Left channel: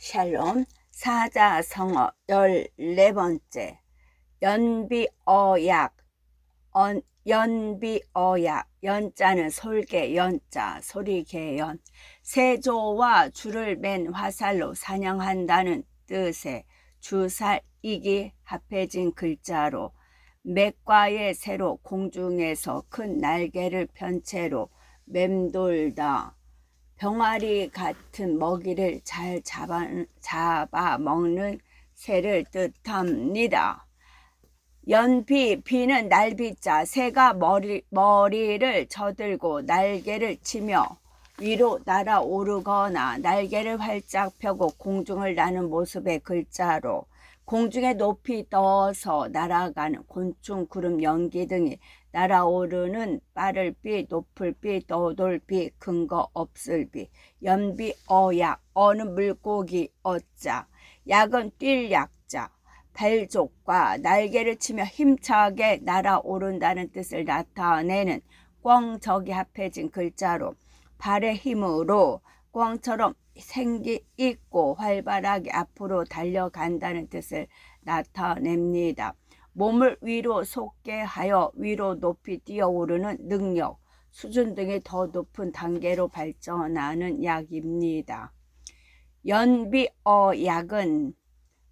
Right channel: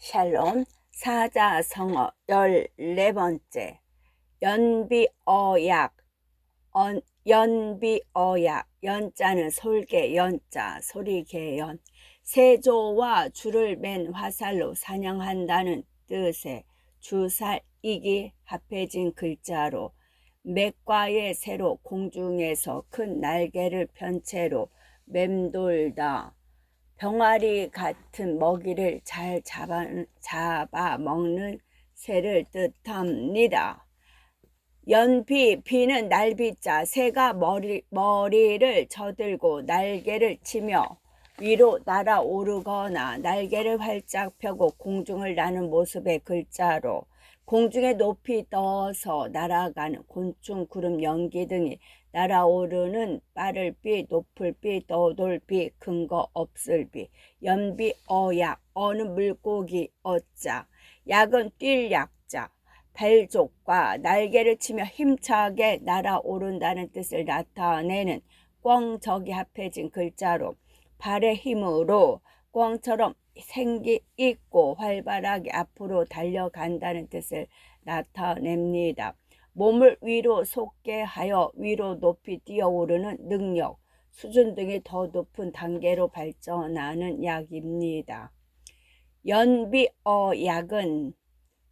샬롬 사자성어 14번째 연비어약 연비어약 연자는 솔개 연자 소리개연 세조와 줄을 맨 화살로 사냥한다는 뜻의 주살 이기 합해진 글자로 맥과의 새로 공중에서 큰 날개를 편 채로 맴돌다 병아리 같은 먹이를 잘 잡아 먹는 새를 뜻합니다. 연비, 비는 날비자, 새가 머리를 저들고 날개를 치며 위로 날아오르거나 날개를 활짝 펴고 공중을 나는 모습의 글자로 공중에 높이 떠서 날아가는 곤충, 구름, 연기 등이 날아오르는 빠를 비, 높을 비, 떠돌 비, 근거 없을 비, 연비, 어약, 어는 물고기, 어자, 약은 뛸 약자, 발족과 날개를 치며 힘차게 날아오른다는 뜻을 나타내는 꿩적이 합해진 글자로 발의 힘으로 꿩처럼 생기 있고 활발하게 앞으로 달려간다는 뜻을 나타냅니다. 몸을 위로 솟게 하여 위로 높이 뛰어오르는 능력, 수준 등이 더 높은 단계로 발전하는 약입니다. 연비어약은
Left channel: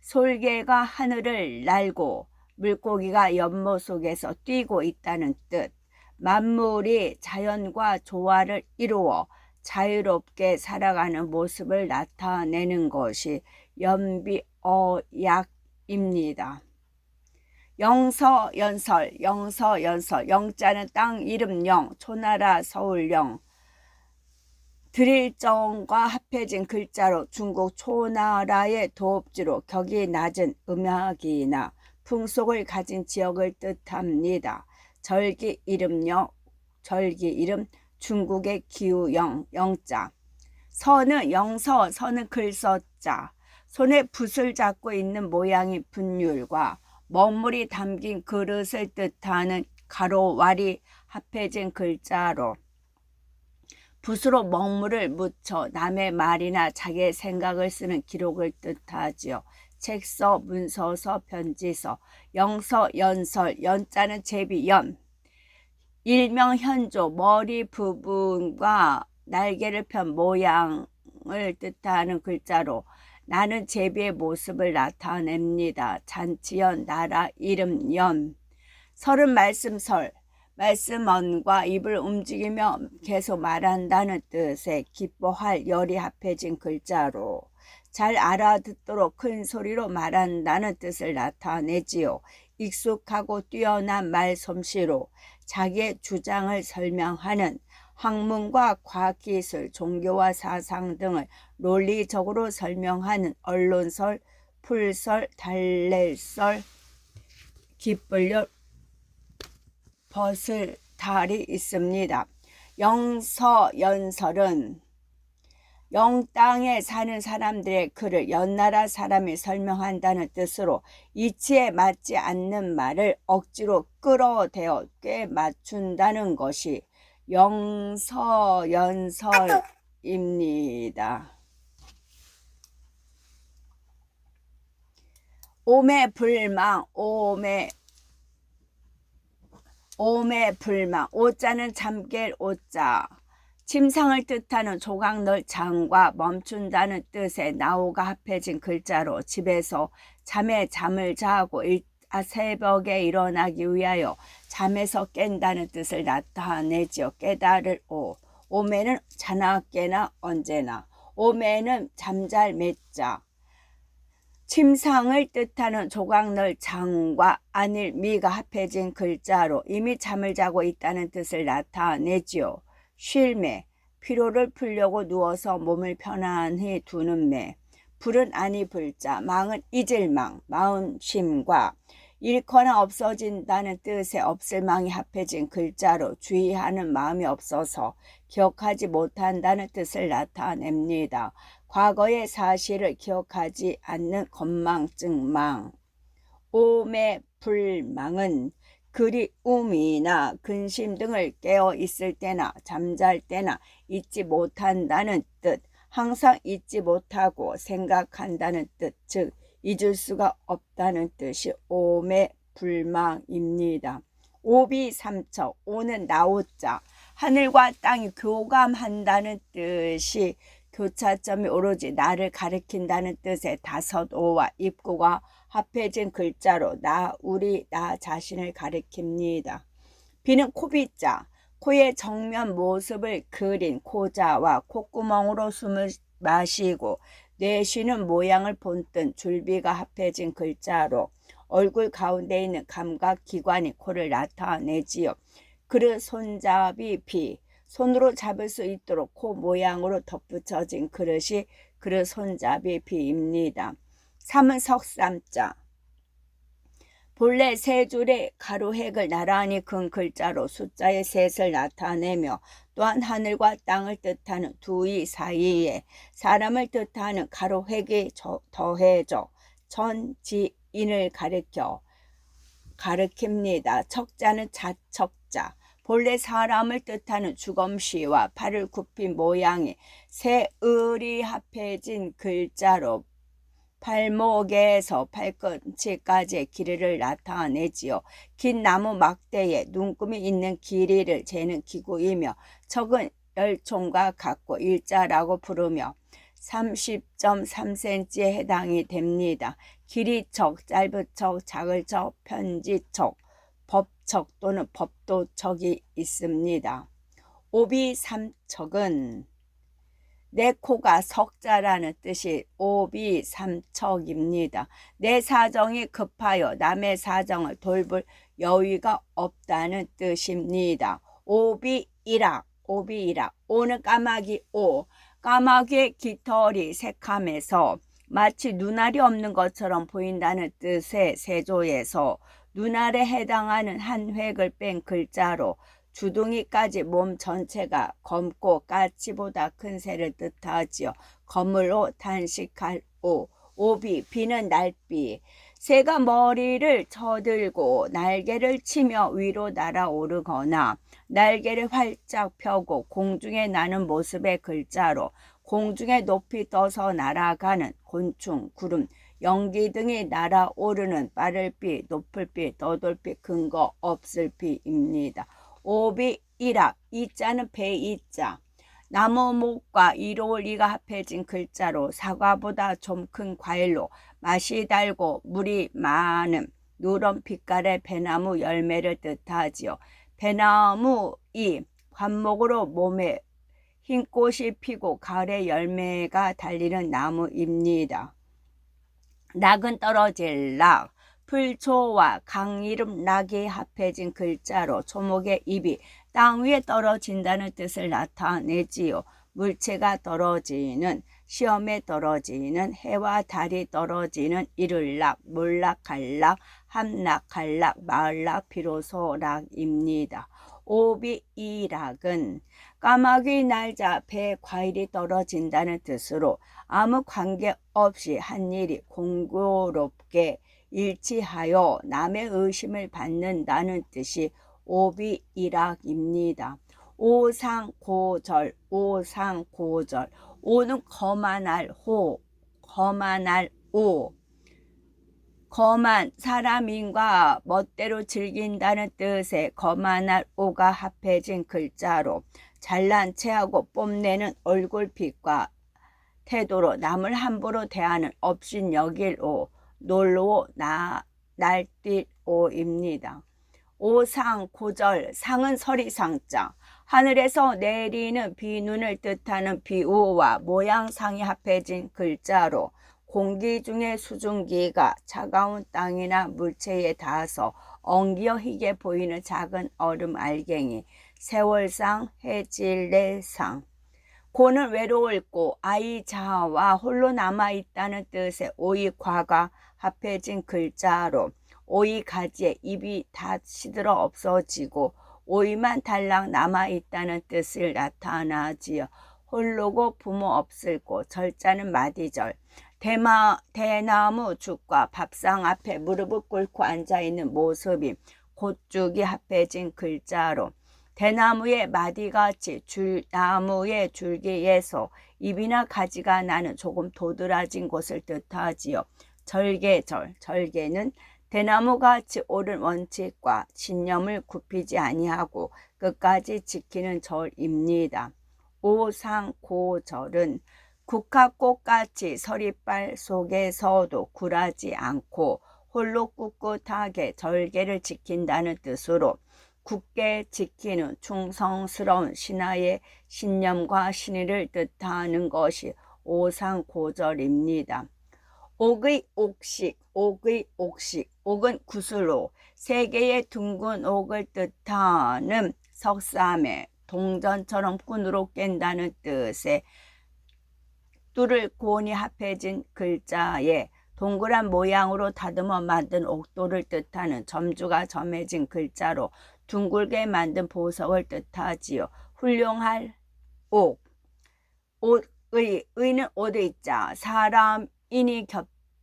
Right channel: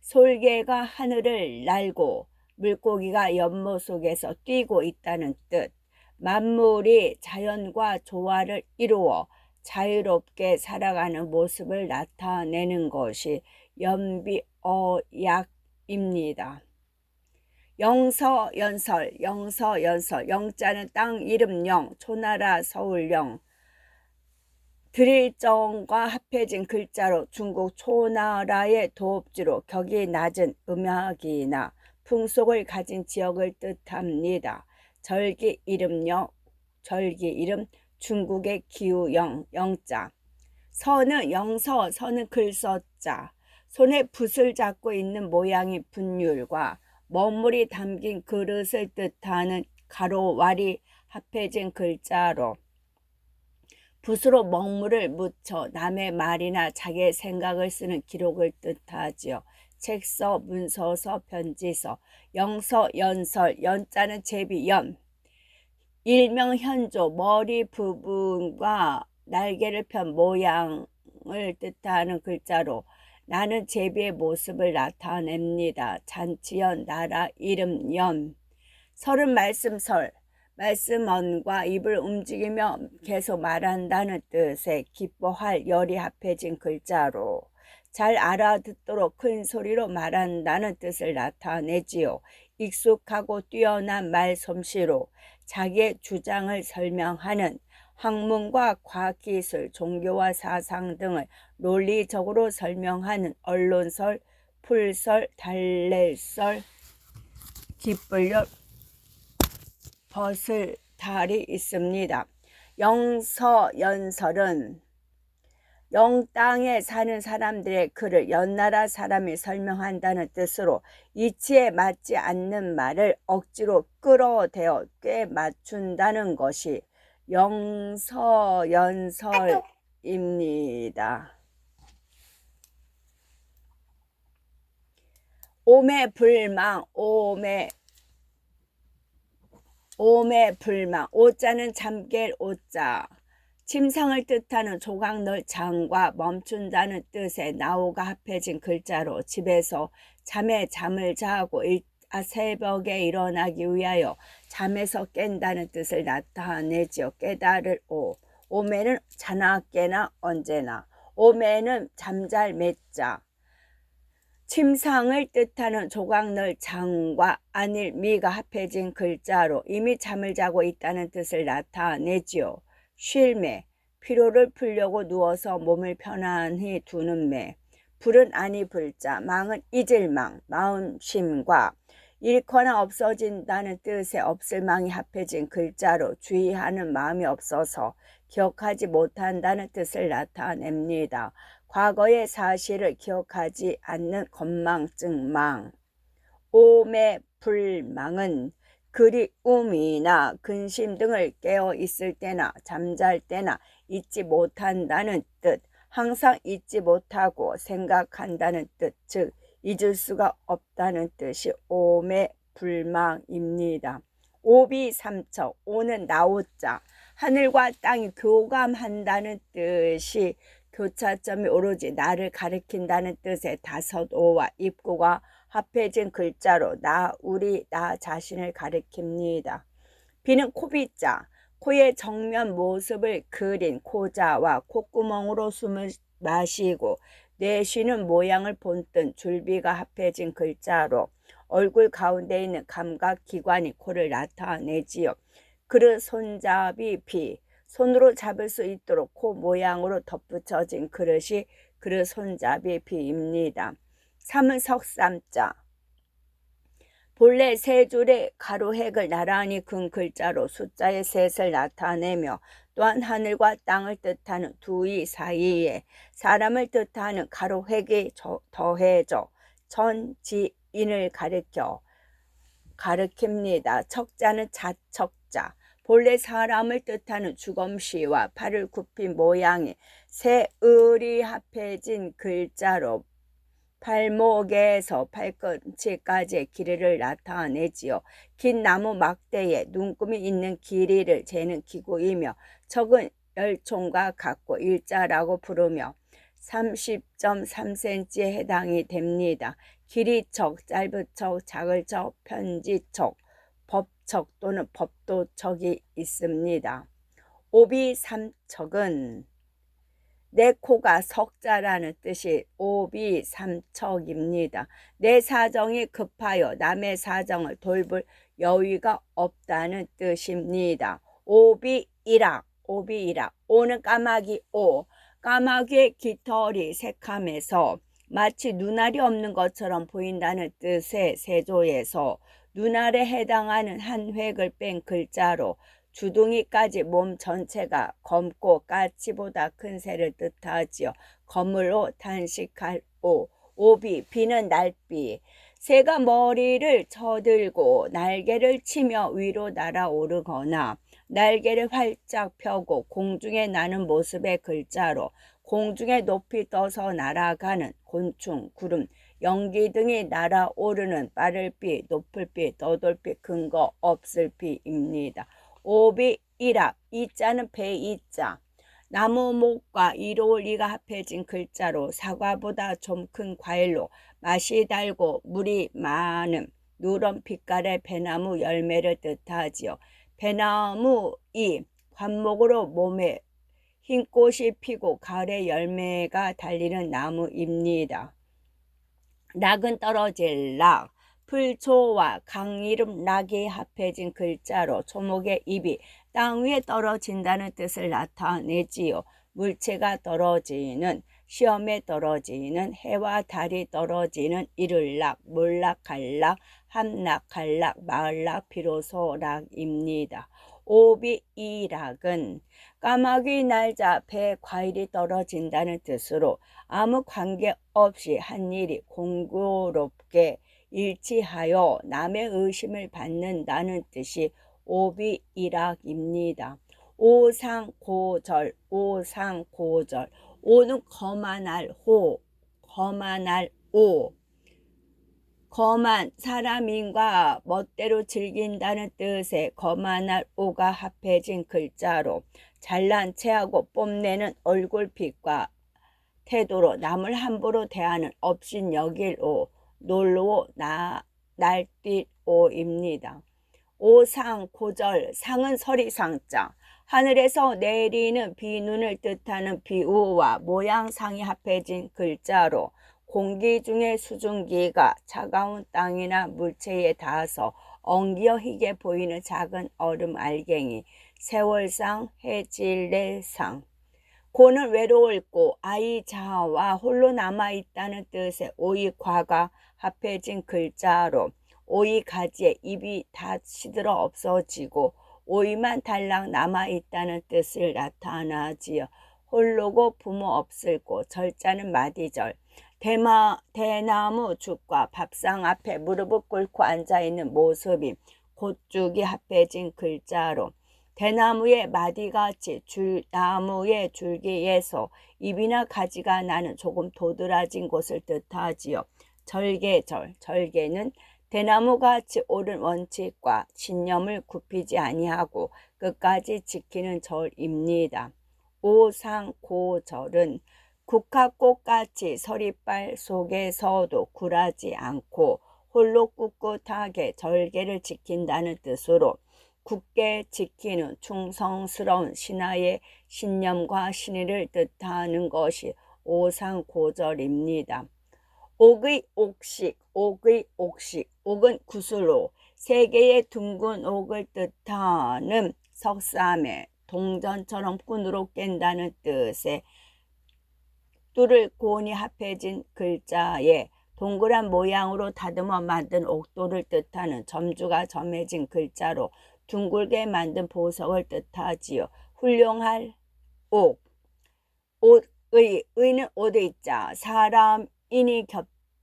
솔개가 하늘을 날고 물고기가 연못 속에서 뛰고 있다는 뜻, 만물이 자연과 조화를 이루어 자유롭게 살아가는 모습을 나타내는 것이 연비어약입니다. 영서연설, 영자는 땅 이름 영, 초나라 서울 영, 드릴정과 합해진 글자로 중국 초나라의 도읍지로 격이 낮은 음악이나 풍속을 가진 지역을 뜻합니다. 절기 이름 중국의 기우영, 영자. 서는 영서, 서는 글서자. 손에 붓을 잡고 있는 모양의 분율과 먹물이 담긴 그릇을 뜻하는 가로와리 합해진 글자로 붓으로 먹물을 묻혀 남의 말이나 자기의 생각을 쓰는 기록을 뜻하지요. 책서, 문서서, 편지서. 영서, 연설, 연자는 제비, 일명 현조, 머리 부분과 날개를 편 모양을 뜻하는 글자로 나는 제비의 모습을 나타냅니다. 잔치연, 나라, 이름, 연. 설은 말씀설, 말씀언과 입을 움직이며 계속 말한다는 뜻의 기뻐할 열이 합해진 글자로 잘 알아듣도록 큰 소리로 말한다는 뜻을 나타내지요. 익숙하고 뛰어난 말솜씨로 자기의 주장을 설명하는 학문과 과학기술, 종교와 사상 등을 논리적으로 설명하는 언론설, 풀설, 달랠설, 기쁠열, 벗을 달이 있습니다. 영서연설은 영땅에 사는 사람들의 글을 연나라 사람이 설명한다는 뜻으로 이치에 맞지 않는 말을 억지로 끌어대어 꽤 맞춘다는 것이 영서연설입니다. 오매불망, 오매불망, 오자는 잠깰 오자, 침상을 뜻하는 조각널 장과 멈춘다는 뜻의 나오가 합해진 글자로 집에서 잠을 자고 새벽에 일어나기 위하여 잠에서 깬다는 뜻을 나타내지요. 깨달을 오. 오매는 자나 깨나 언제나. 오매는 잠잘 매자. 침상을 뜻하는 조각널 장과 안일 미가 합해진 글자로 이미 잠을 자고 있다는 뜻을 나타내지요. 쉴매, 피로를 풀려고 누워서 몸을 편안히 두는 매. 불은 아니 불자, 망은 잊을 망, 마음심과 잃거나 없어진다는 뜻의 없을 망이 합해진 글자로 주의하는 마음이 없어서 기억하지 못한다는 뜻을 나타냅니다. 과거의 사실을 기억하지 않는 건망증망. 오매불망은 그리움이나 근심 등을 깨어 있을 때나 잠잘 때나 잊지 못한다는 뜻, 항상 잊지 못하고 생각한다는 뜻, 즉 잊을 수가 없다는 뜻이 오매 불망입니다. 오비삼척, 오는 나오자, 하늘과 땅이 교감한다는 뜻이 교차점이 오로지 나를 가리킨다는 뜻의 다섯 오와 입구가 합해진 글자로 나, 우리, 나 자신을 가리킵니다. 비는 코비자, 코의 정면 모습을 그린 코자와 콧구멍으로 숨을 마시고 내쉬는 모양을 본뜬 줄비가 합해진 글자로 얼굴 가운데 있는 감각기관이 코를 나타내지요. 그릇 손잡이 비, 손으로 잡을 수 있도록 코 모양으로 덧붙여진 그릇이 그릇 손잡이 비입니다. 삼은 석삼자, 본래 세 줄의 가로획을 나란히 근 글자로 숫자의 셋을 나타내며 또한 하늘과 땅을 뜻하는 두이 사이에 사람을 뜻하는 가로획이 더해져 전지인을 가리킵니다. 척자는 자척자, 본래 사람을 뜻하는 주검시와 팔을 굽힌 모양이 세 을이 합해진 글자로 발목에서 발꿈치까지의 길이를 나타내지요. 긴 나무 막대에 눈금이 있는 길이를 재는 기구이며 척은 열총과 같고 일자라고 부르며 30.3cm에 해당이 됩니다. 길이척, 짧은척, 작을척, 편지척, 법척 또는 법도척이 있습니다. 오비삼척은 내 코가 석자라는 뜻이 오비삼척입니다. 내 사정이 급하여 남의 사정을 돌볼 여유가 없다는 뜻입니다. 오비이락, 오는 까마귀 오, 까마귀의 깃털이 새카매서 마치 눈알이 없는 것처럼 보인다는 뜻의 세조에서 눈알에 해당하는 한 획을 뺀 글자로 주둥이까지 몸 전체가 검고 까치보다 큰 새를 뜻하지요. 검을오, 단식할 오, 오비, 비는 날비. 새가 머리를 쳐들고 날개를 치며 위로 날아오르거나 날개를 활짝 펴고 공중에 나는 모습의 글자로 공중에 높이 떠서 날아가는 곤충, 구름, 연기 등이 날아오르는 빠를 비, 높을 비, 떠돌 비, 근거 없을 비입니다. 오비이락, 이자는 배이자, 나무목과 이로리가 합해진 글자로 사과보다 좀 큰 과일로 맛이 달고 물이 많은 누런 빛깔의 배나무 열매를 뜻하지요. 배나무이 관목으로 몸에 흰 꽃이 피고 가을에 열매가 달리는 나무입니다. 락은 떨어질 락, 풀초와 강 이름 락이 합해진 글자로 초목의 잎이 땅 위에 떨어진다는 뜻을 나타내지요. 물체가 떨어지는, 시험에 떨어지는, 해와 달이 떨어지는 이를락, 몰락할락, 함락할락, 마을락, 비로소락입니다. 오비이락은 까마귀 날자 배에 과일이 떨어진다는 뜻으로 아무 관계 없이 한 일이 공교롭게 일치하여 남의 의심을 받는다는 뜻이 오비이락입니다. 오상고절, 오는 거만할 호, 거만할 오, 거만 사람인과 멋대로 즐긴다는 뜻의 거만할 오가 합해진 글자로 잘난 체하고 뽐내는 얼굴빛과 태도로 남을 함부로 대하는 업신여길 오, 놀오, 날뛸 오입니다. 오상, 고절, 상은 서리상자, 하늘에서 내리는 비눈을 뜻하는 비우와 모양상이 합해진 글자로 공기 중에 수증기가 차가운 땅이나 물체에 닿아서 엉겨 희게 보이는 작은 얼음 알갱이, 세월상, 해질레상. 고는 외로울 고, 아이자와 홀로 남아있다는 뜻의 오이과가 합해진 글자로 오이 가지에 잎이 다 시들어 없어지고 오이만 달랑 남아있다는 뜻을 나타나지요. 홀로고 부모 없을 고, 절자는 마디절. 대나무 죽과 밥상 앞에 무릎을 꿇고 앉아있는 모습이 곧죽이 합해진 글자로 대나무의 마디같이 나무의 줄기에서 잎이나 가지가 나는 조금 도드라진 곳을 뜻하지요. 절개는 대나무같이 옳은 원칙과 신념을 굽히지 아니하고 끝까지 지키는 절입니다. 오상고절은 국화꽃같이 서리빨 속에서도 굴하지 않고 홀로 꿋꿋하게 절개를 지킨다는 뜻으로 굳게 지키는 충성스러운 신하의 신념과 신의를 뜻하는 것이 오상고절입니다. 옥의 옥식, 옥은 구슬로 세 개의 둥근 옥을 뜻하는 석삼에 동전처럼 끈으로 깬다는 뜻의 뚫을 고온이 합해진 글자에 동그란 모양으로 다듬어 만든 옥돌을 뜻하는 점주가 점해진 글자로 둥글게 만든 보석을 뜻하지요. 훌륭할 옥, 의는 옷의자, 사람인이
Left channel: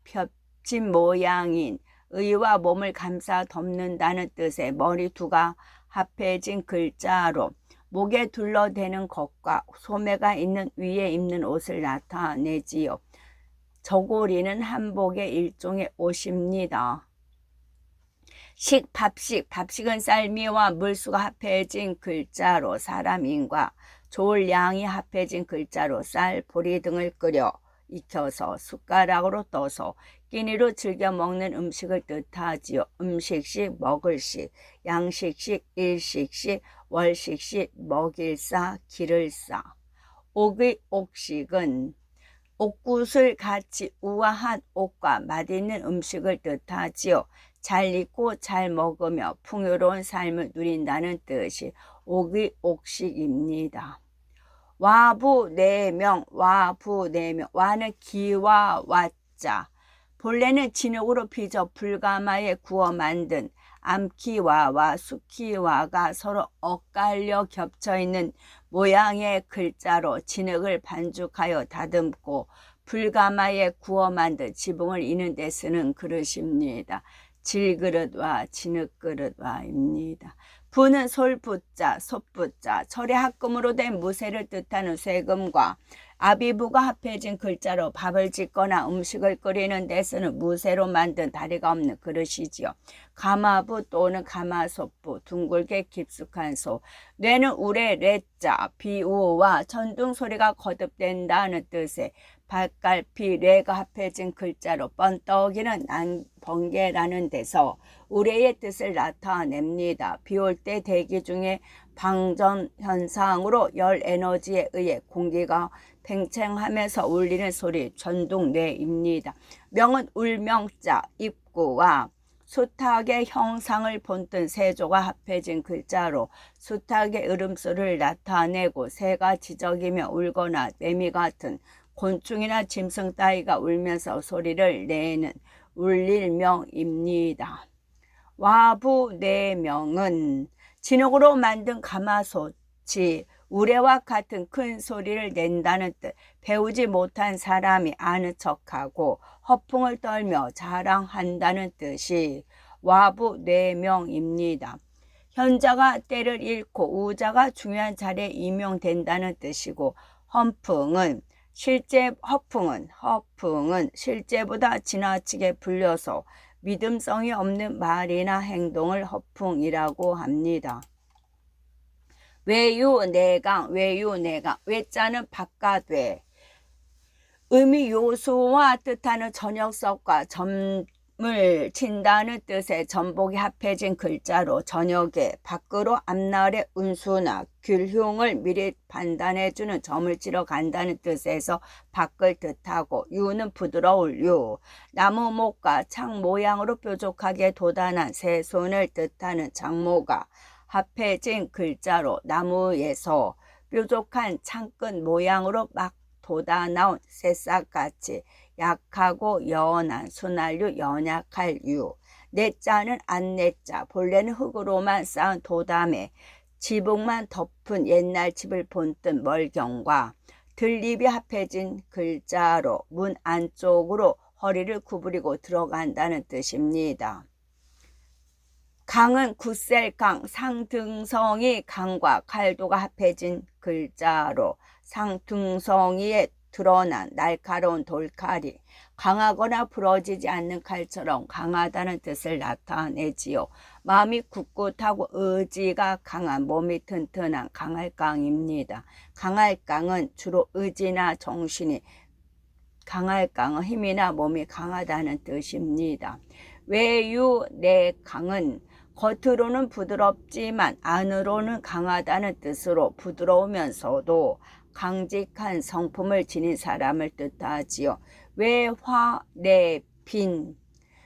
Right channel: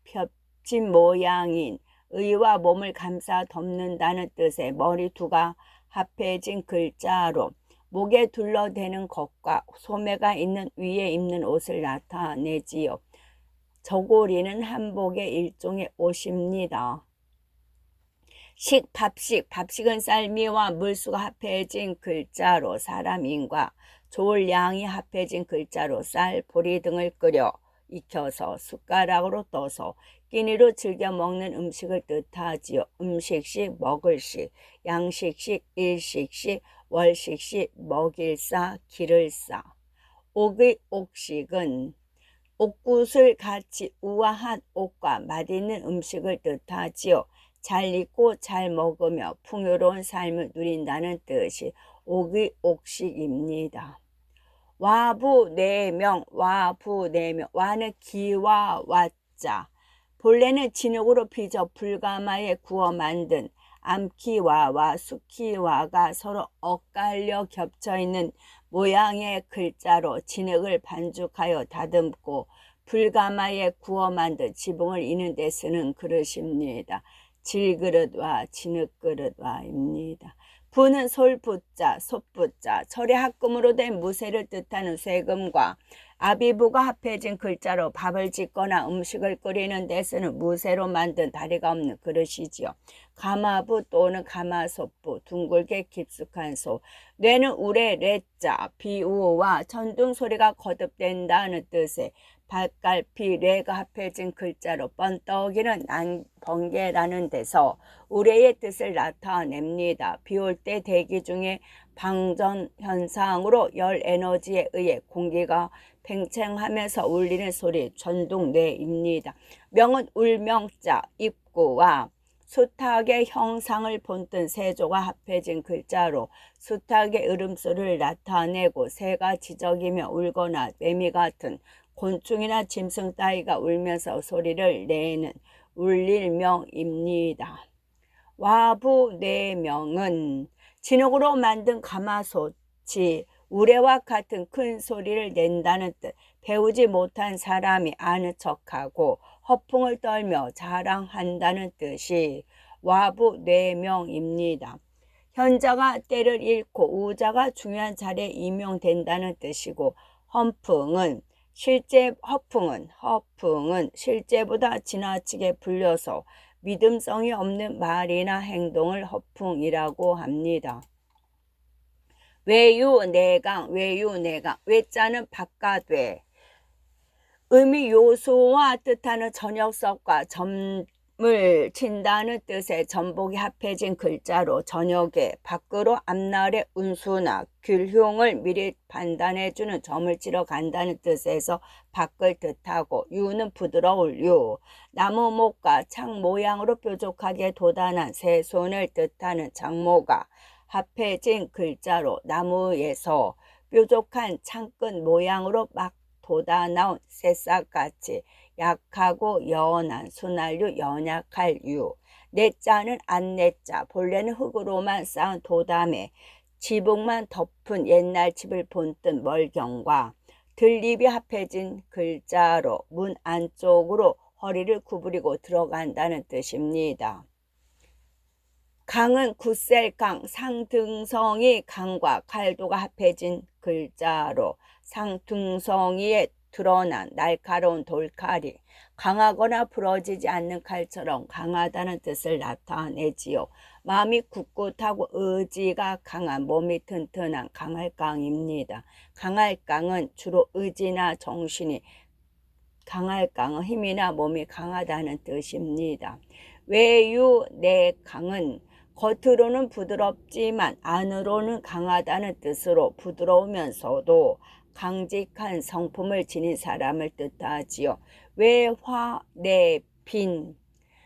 겹친 모양인 의와 몸을 감싸 덮는다는 뜻의 머리두가 합해진 글자로 목에 둘러대는 것과 소매가 있는 위에 입는 옷을 나타내지요. 저고리는 한복의 일종의 옷입니다. 밥식은 쌀미와 물수가 합해진 글자로 사람인과 좋을 양이 합해진 글자로 쌀, 보리 등을 끓여 익혀서 숟가락으로 떠서 끼니로 즐겨 먹는 음식을 뜻하지요. 음식식, 먹을식, 양식식, 일식식, 월식식, 먹일사, 기를사. 옥의 옥식은 옥굿을 같이 우아한 옥과 맛있는 음식을 뜻하지요. 잘 익고 잘 먹으며 풍요로운 삶을 누린다는 뜻이 옥의 옥식입니다. 와부내명, 와는 기와 와자. 본래는 진흙으로 빚어 불가마에 구워 만든 암키와와 수키와가 서로 엇갈려 겹쳐있는 모양의 글자로 진흙을 반죽하여 다듬고 불가마에 구워 만든 지붕을 이는 데 쓰는 그릇입니다. 질그릇와 진흙그릇와입니다. 부는 솔부자, 솥부자, 철의 합금으로 된 무쇠를 뜻하는 쇠금과 아비부가 합해진 글자로 밥을 짓거나 음식을 끓이는 데 쓰는 무쇠로 만든 다리가 없는 그릇이지요. 가마부 또는 가마솥부, 둥글게 깊숙한 소. 뇌는 우레 레자, 비우와 천둥 소리가 거듭된다는 뜻의 발갈피 레가 합해진 글자로 번떡이는 번개라는 데서 우레의 뜻을 나타냅니다. 비 올 때 대기 중에 방전 현상으로 열 에너지에 의해 공기가 팽창하면서 울리는 소리 천둥뇌입니다. 명은 울명자, 입구와 수탉의 형상을 본뜬 세조가 합해진 글자로 수탉의 울음소리를 나타내고 새가 지저귀며 울거나 매미 같은 곤충이나 짐승 따위가 울면서 소리를 내는 울릴명입니다. 와부내명은 진흙으로 만든 가마솥이 우레와 같은 큰 소리를 낸다는 뜻. 배우지 못한 사람이 아는 척하고 허풍을 떨며 자랑한다는 뜻이 와부내명입니다. 현자가 때를 잃고 우자가 중요한 자리에 임용된다는 뜻이고 허풍은 실제보다 지나치게 불려서 믿음성이 없는 말이나 행동을 허풍이라고 합니다. 외유내강, 외자는 바깥외. 의미 요소와 뜻하는 저녁석과 점을 친다는 뜻의 전복이 합해진 글자로 저녁에 밖으로 앞날의 운수나 균흉을 미리 판단해주는 점을 치러 간다는 뜻에서 밖을 뜻하고 유는 부드러울 유, 나무 목과 창 모양으로 뾰족하게 돋아난 새 손을 뜻하는 장모가 합해진 글자로 나무에서 뾰족한 창끝 모양으로 막 돋아나온 새싹같이 약하고 연한 순할유, 연약할 유. 내자는 안내자, 본래는 흙으로만 쌓은 도담에 지붕만 덮은 옛날 집을 본뜬 멀경과 들잎이 합해진 글자로 문 안쪽으로 허리를 구부리고 들어간다는 뜻입니다. 강은 굳셀강, 상등성이 강과 갈도가 합해진 글자로 상등성이에 드러난 날카로운 돌칼이 강하거나 부러지지 않는 칼처럼 강하다는 뜻을 나타내지요. 마음이 굳굳하고 의지가 강한, 몸이 튼튼한 강할강입니다. 강할강은 주로 의지나 정신이 강할강은 힘이나 몸이 강하다는 뜻입니다. 외유내강은 겉으로는 부드럽지만 안으로는 강하다는 뜻으로 부드러우면서도 강직한 성품을 지닌 사람을 뜻하지요. 외화내빈,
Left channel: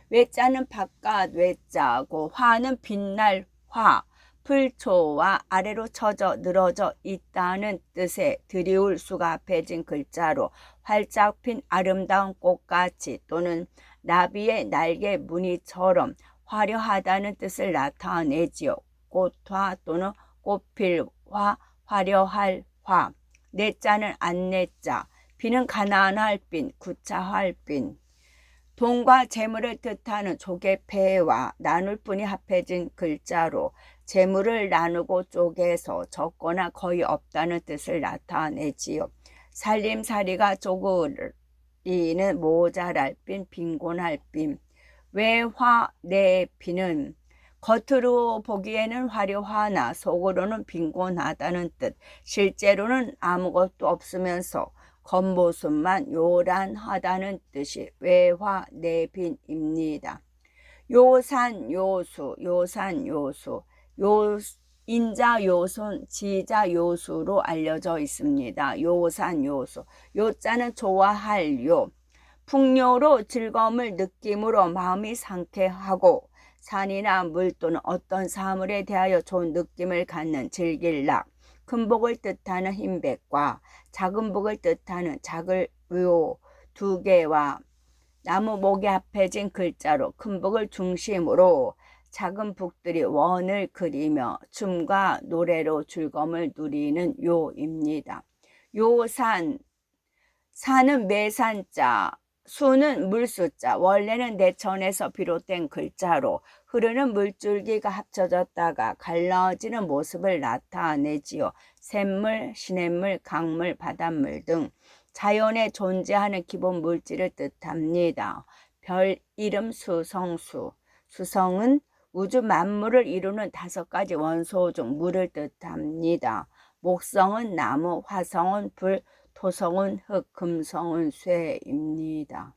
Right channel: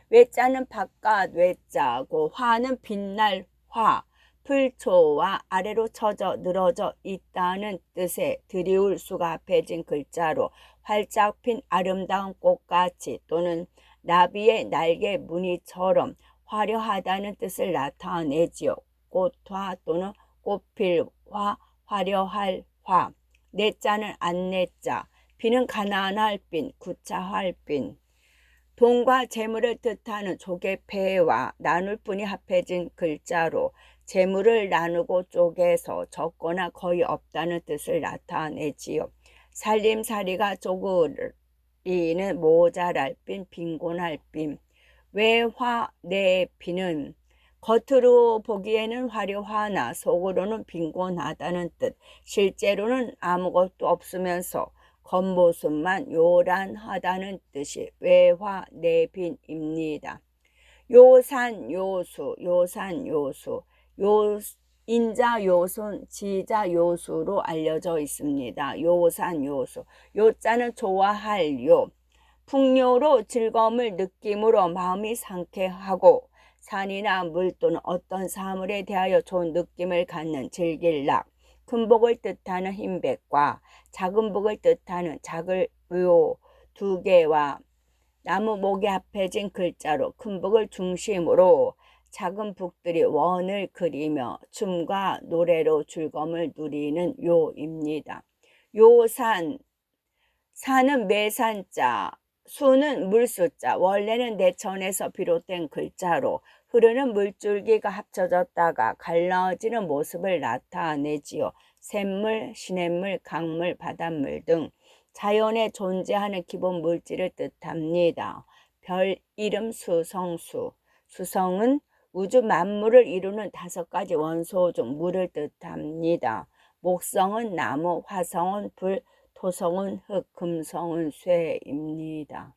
외자는 바깥 외자고 화는 빛날 화, 풀초와 아래로 처져 늘어져 있다는 뜻의 드리울 수가 합해진 글자로 활짝 핀 아름다운 꽃같이 또는 나비의 날개 무늬처럼 화려하다는 뜻을 나타내지요. 꽃화 또는 꽃필 화, 화려할 화. 내자는 안내자, 빈은 가난할 빈, 구차할 빈. 돈과 재물을 뜻하는 조개패와 나눌 뿐이 합해진 글자로 재물을 나누고 쪼개서 적거나 거의 없다는 뜻을 나타내지요. 살림살이가 쪼그리는 모자랄 빈, 빈곤할 빈. 외화내빈은 겉으로 보기에는 화려하나 속으로는 빈곤하다는 뜻, 실제로는 아무것도 없으면서 겉모습만 요란하다는 뜻이 외화내빈입니다. 요산요수, 요산요수, 인자 요손, 지자 요수로 알려져 있습니다. 요산요수, 요자는 좋아할 요, 풍요로 즐거움을 느낌으로 마음이 상쾌하고 산이나 물 또는 어떤 사물에 대하여 좋은 느낌을 갖는 즐길락, 큰 복을 뜻하는 흰백과 작은 복을 뜻하는 작을 요 두 개와 나무 목이 합해진 글자로 큰 복을 중심으로 작은 북들이 원을 그리며 춤과 노래로 즐거움을 누리는 요입니다. 요산, 산은 매산자, 수는 물수자, 원래는 내천에서 비롯된 글자로 흐르는 물줄기가 합쳐졌다가 갈라지는 모습을 나타내지요. 샘물, 시냇물, 강물, 바닷물 등 자연에 존재하는 기본 물질을 뜻합니다. 별 이름 수성수, 수성은 우주 만물을 이루는 5가지 원소 중 물을 뜻합니다. 목성은 나무, 화성은 불, 토성은 흙, 금성은 쇠입니다.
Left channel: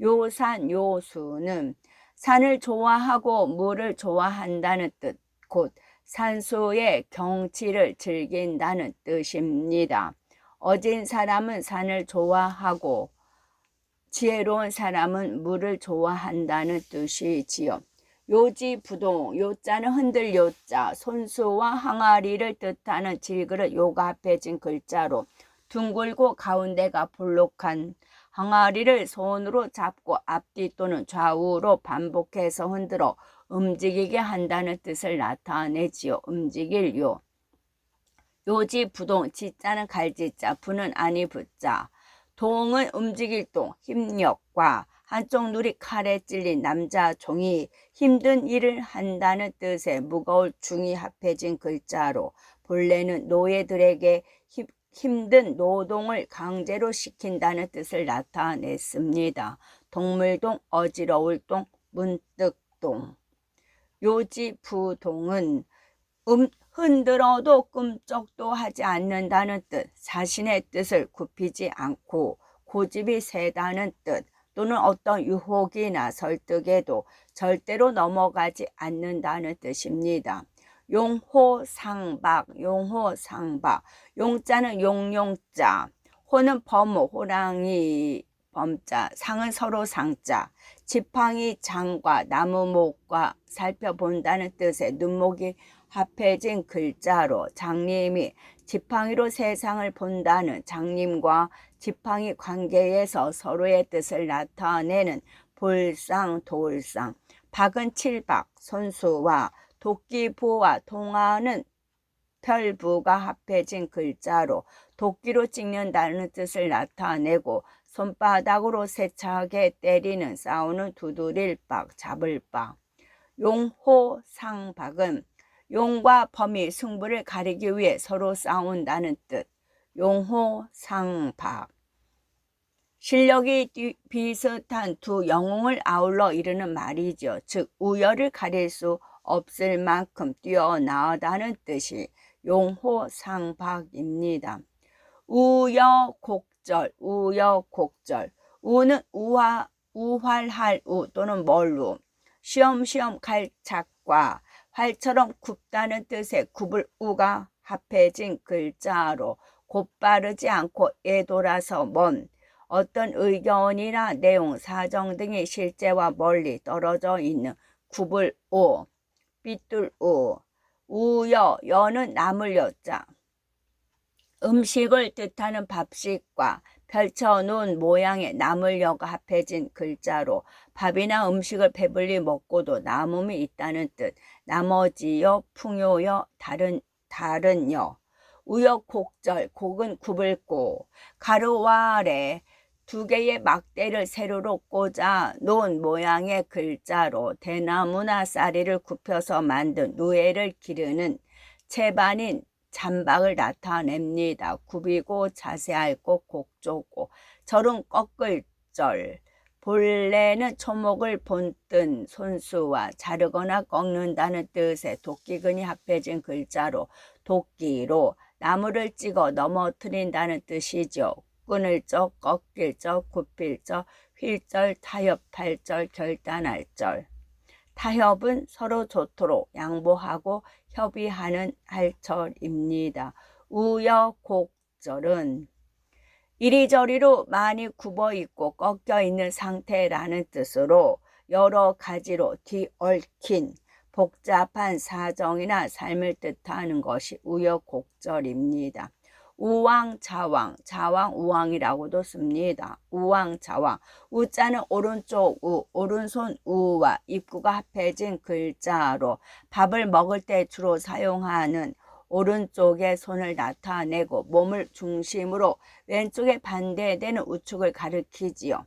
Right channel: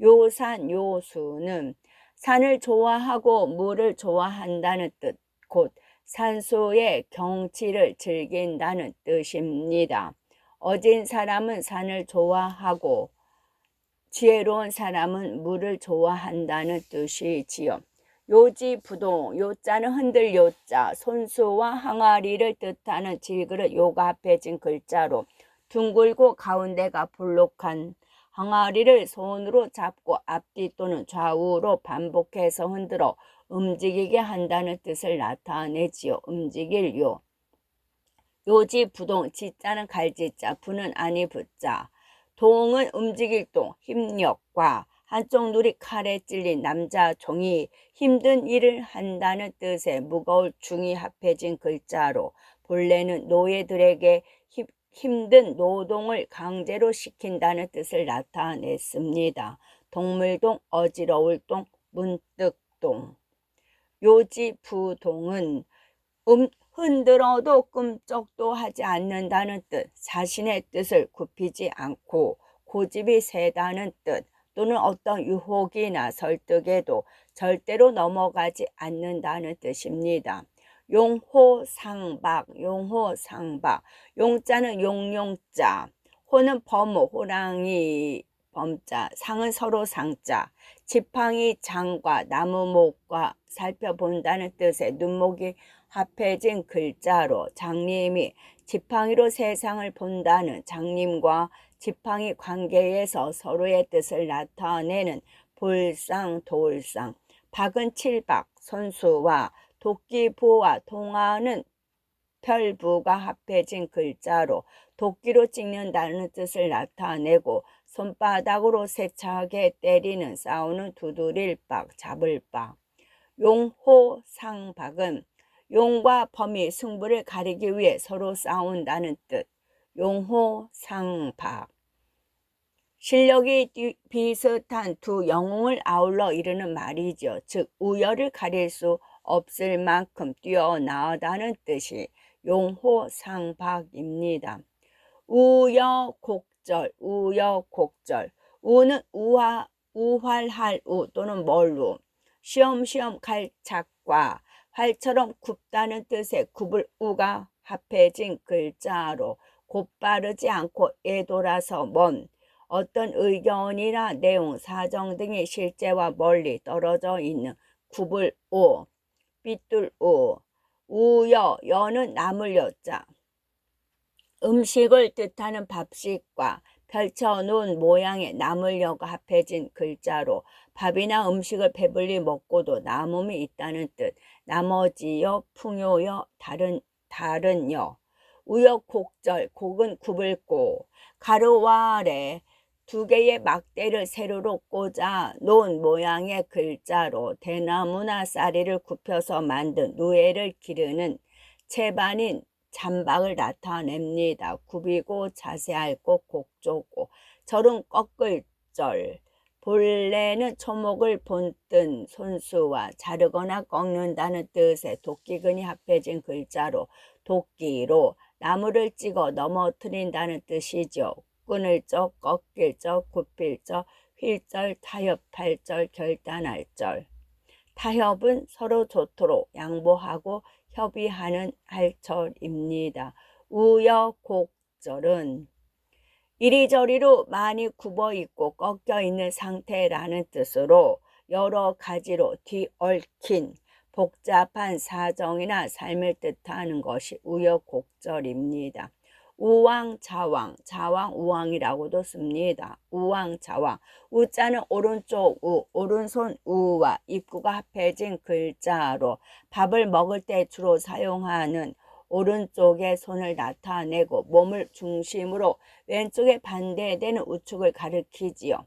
요산, 요수는 산을 좋아하고 물을 좋아한다는 뜻, 곧 산수의 경치를 즐긴다는 뜻입니다. 어진 사람은 산을 좋아하고 지혜로운 사람은 물을 좋아한다는 뜻이지요. 요지부동, 요자는 흔들 요자, 손수와 항아리를 뜻하는 질그릇 요가 합해진 글자로 둥글고 가운데가 볼록한 항아리를 손으로 잡고 앞뒤 또는 좌우로 반복해서 흔들어 움직이게 한다는 뜻을 나타내지요. 움직일 요. 요지부동, 지자는 갈지자, 부는 아니 부자. 동은 움직일 동, 힘력과 한쪽 눈이 칼에 찔린 남자 종이 힘든 일을 한다는 뜻의 무거울 중이 합해진 글자로 본래는 노예들에게 힘든 노동을 강제로 시킨다는 뜻을 나타냈습니다. 동물동, 어지러울 동, 문득동. 요지부동은 흔들어도 꿈쩍도 하지 않는다는 뜻, 자신의 뜻을 굽히지 않고 고집이 세다는 뜻, 또는 어떤 유혹이나 설득에도 절대로 넘어가지 않는다는 뜻입니다. 용호상박, 용호상박. 용자는 용용자, 호는 범호, 호랑이 범자, 상은 서로 상자, 지팡이 장과 나무목과 살펴본다는 뜻의 눈목이 합해진 글자로 장님이 지팡이로 세상을 본다는 장님과 지팡이 관계에서 서로의 뜻을 나타내는 볼상, 도울상. 박은 칠박, 손수와 도끼부와 동화는 별부가 합해진 글자로 도끼로 찍는다는 뜻을 나타내고 손바닥으로 세차게 때리는 싸우는 두드릴 박, 잡을 박. 용호상박은 용과 범이 승부를 가리기 위해 서로 싸운다는 뜻. 용호상박. 실력이 비슷한 두 영웅을 아울러 이르는 말이죠. 즉 우열을 가릴 수 없을 만큼 뛰어나다는 뜻이 용호상박입니다. 우여곡절, 우여곡절. 우는 우활할 우 또는 멀우. 쉬엄쉬엄 갈착과 활처럼 굽다는 뜻의 굽을 우가 합해진 글자로 곧바르지 않고 애돌아서 먼 어떤 의견이나 내용, 사정 등이 실제와 멀리 떨어져 있는 굽을 우, 삐뚤 우, 우여, 여는 나물 여자. 음식을 뜻하는 밥식과 펼쳐놓은 모양의 나물여가 합해진 글자로 밥이나 음식을 배불리 먹고도 남음이 있다는 뜻. 나머지여, 풍요여, 다른여. 우여곡절, 곡은 굽을고 가로와 아래 두 개의 막대를 세로로 꽂아 놓은 모양의 글자로 대나무나 쌀이를 굽혀서 만든 누에를 기르는 채반인 잔박을 나타냅니다. 굽이고 자세할고 곡조고 절은 꺾을 절. 본래는 초목을 본뜬 손수와 자르거나 꺾는다는 뜻의 도끼근이 합해진 글자로 도끼로 나무를 찍어 넘어뜨린다는 뜻이죠. 끊을 적, 꺾일 적, 굽힐 적, 휠절, 타협할 절, 결단할 절. 타협은 서로 좋도록 양보하고 협의하는 할절입니다. 우여곡절은 이리저리로 많이 굽어 있고 꺾여 있는 상태라는 뜻으로 여러 가지로 뒤얽힌 복잡한 사정이나 삶을 뜻하는 것이 우여곡절입니다. 우왕좌왕, 좌왕 우왕이라고도 씁니다. 우왕좌왕, 우자는 오른쪽 우, 오른손 우와 입구가 합해진 글자로 밥을 먹을 때 주로 사용하는 오른쪽의 손을 나타내고 몸을 중심으로 왼쪽에 반대되는 우측을 가리키지요.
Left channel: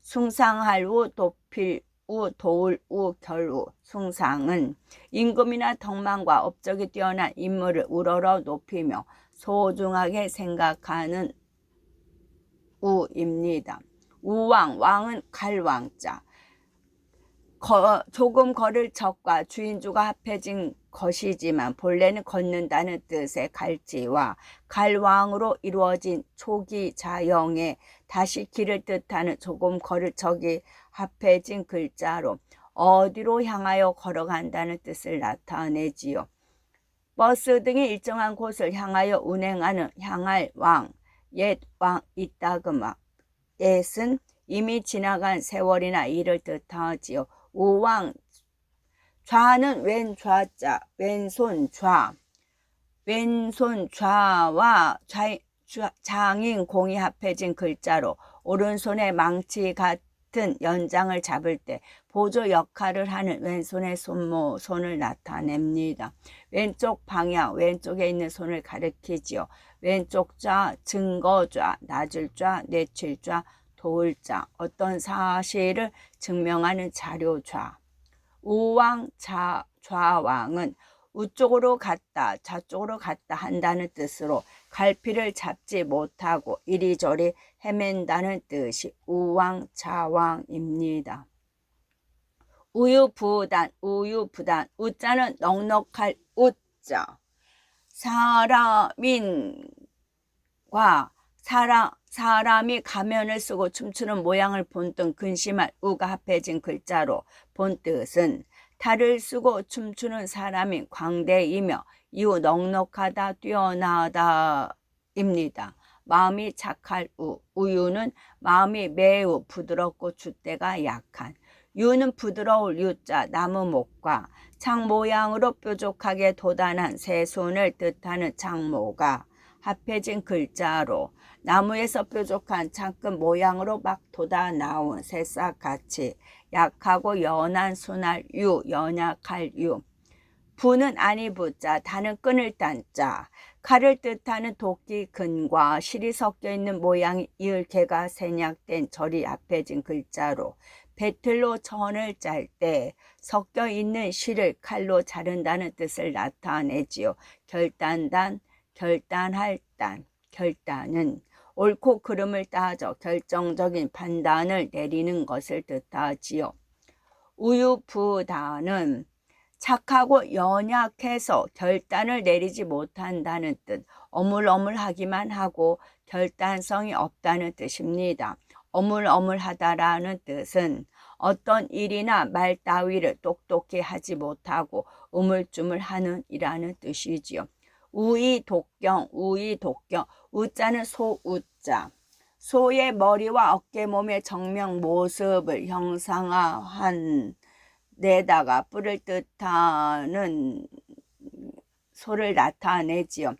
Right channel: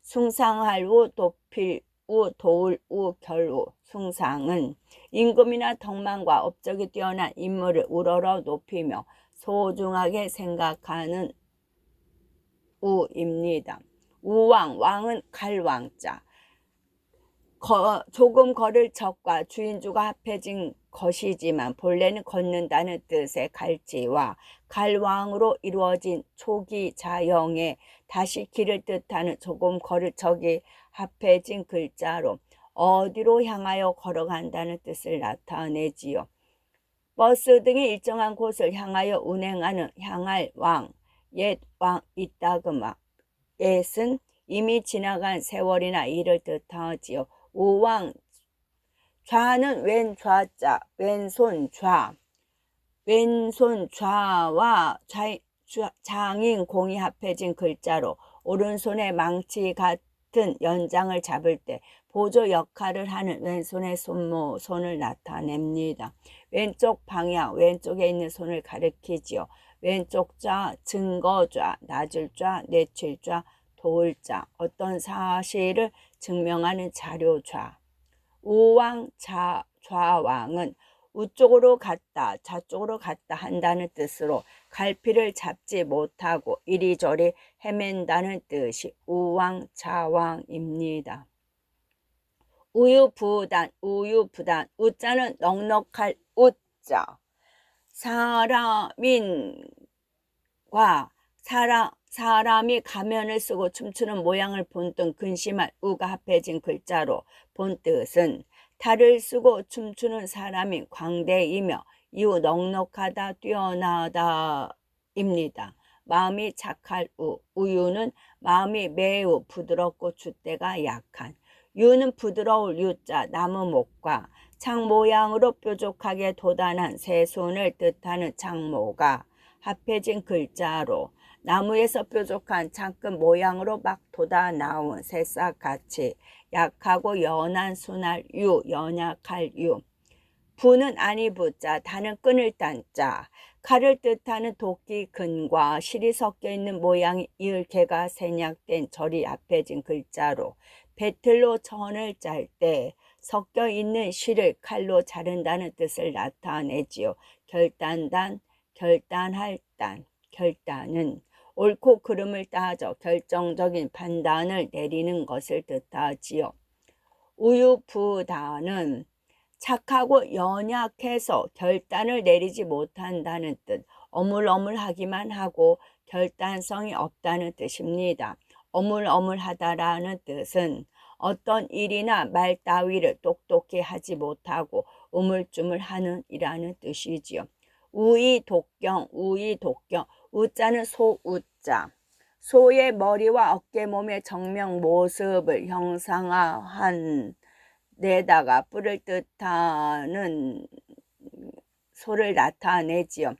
숭상할 우, 높일 우, 도울 우, 결우. 숭상은 임금이나 덕망과 업적이 뛰어난 인물을 우러러 높이며 소중하게 생각하는 우입니다. 우왕, 왕은 갈왕자. 조금 걸을 적과 주인주가 합해진 것이지만 본래는 걷는다는 뜻의 갈지와 갈왕으로 이루어진 초기자형의 다시 길을 뜻하는 조금 걸을 적이 합해진 글자로 어디로 향하여 걸어간다는 뜻을 나타내지요. 버스 등이 일정한 곳을 향하여 운행하는 향할 왕, 옛 왕 이따금아. 옛은 이미 지나간 세월이나 일을 뜻하지요. 우왕, 좌는 왼좌자, 왼손 좌. 왼손 좌와 장인 공이 합해진 글자로 오른손에 망치 같은 연장을 잡을 때 보조 역할을 하는 왼손의 손을 나타냅니다. 왼쪽 방향, 왼쪽에 있는 손을 가리키지요. 왼쪽 좌, 증거좌, 낮을 좌, 내칠 좌, 도울 좌, 어떤 사실을 증명하는 자료 좌. 우왕 좌왕은 우쪽으로 갔다 좌쪽으로 갔다 한다는 뜻으로 갈피를 잡지 못하고 이리저리 헤맨다는 뜻이 우왕좌왕입니다. 우유부단, 우유부단. 우자는 넉넉할 우자. 사람이 가면을 쓰고 춤추는 모양을 본뜬 근심할 우가 합해진 글자로 본 뜻은 탈을 쓰고 춤추는 사람인 광대이며 이후 넉넉하다, 뛰어나다입니다. 마음이 착할 우, 우유는 마음이 매우 부드럽고 줏대가 약한. 유는 부드러울 유자, 나무목과 창 모양으로 뾰족하게 돋아난 새 손을 뜻하는 창모가 합해진 글자로 나무에서 뾰족한 창끝 모양으로 막 돋아 나온 새싹같이 약하고 연한 순할 유, 연약할 유. 부는 아니 부자, 다는 끊을 단자. 칼을 뜻하는 도끼 근과 실이 섞여 있는 모양이 이을개가 생략된 절이 합해진 글자로 배틀로 천을 짤 때 섞여 있는 실을 칼로 자른다는 뜻을 나타내지요. 결단단, 결단할 단, 결단은 옳고 그름을 따져 결정적인 판단을 내리는 것을 뜻하지요. 우유부단은 착하고 연약해서 결단을 내리지 못한다는 뜻, 어물어물하기만 하고 결단성이 없다는 뜻입니다. 어물어물하다라는 뜻은 어떤 일이나 말 따위를 똑똑히 하지 못하고 우물쭈물하는 이라는 뜻이지요. 우이독경, 우이독경, 우자는 소우자. 소의 머리와 어깨 몸의 정면 모습을 형상화한 내다가 뿔을 뜻하는 소를 나타내지요.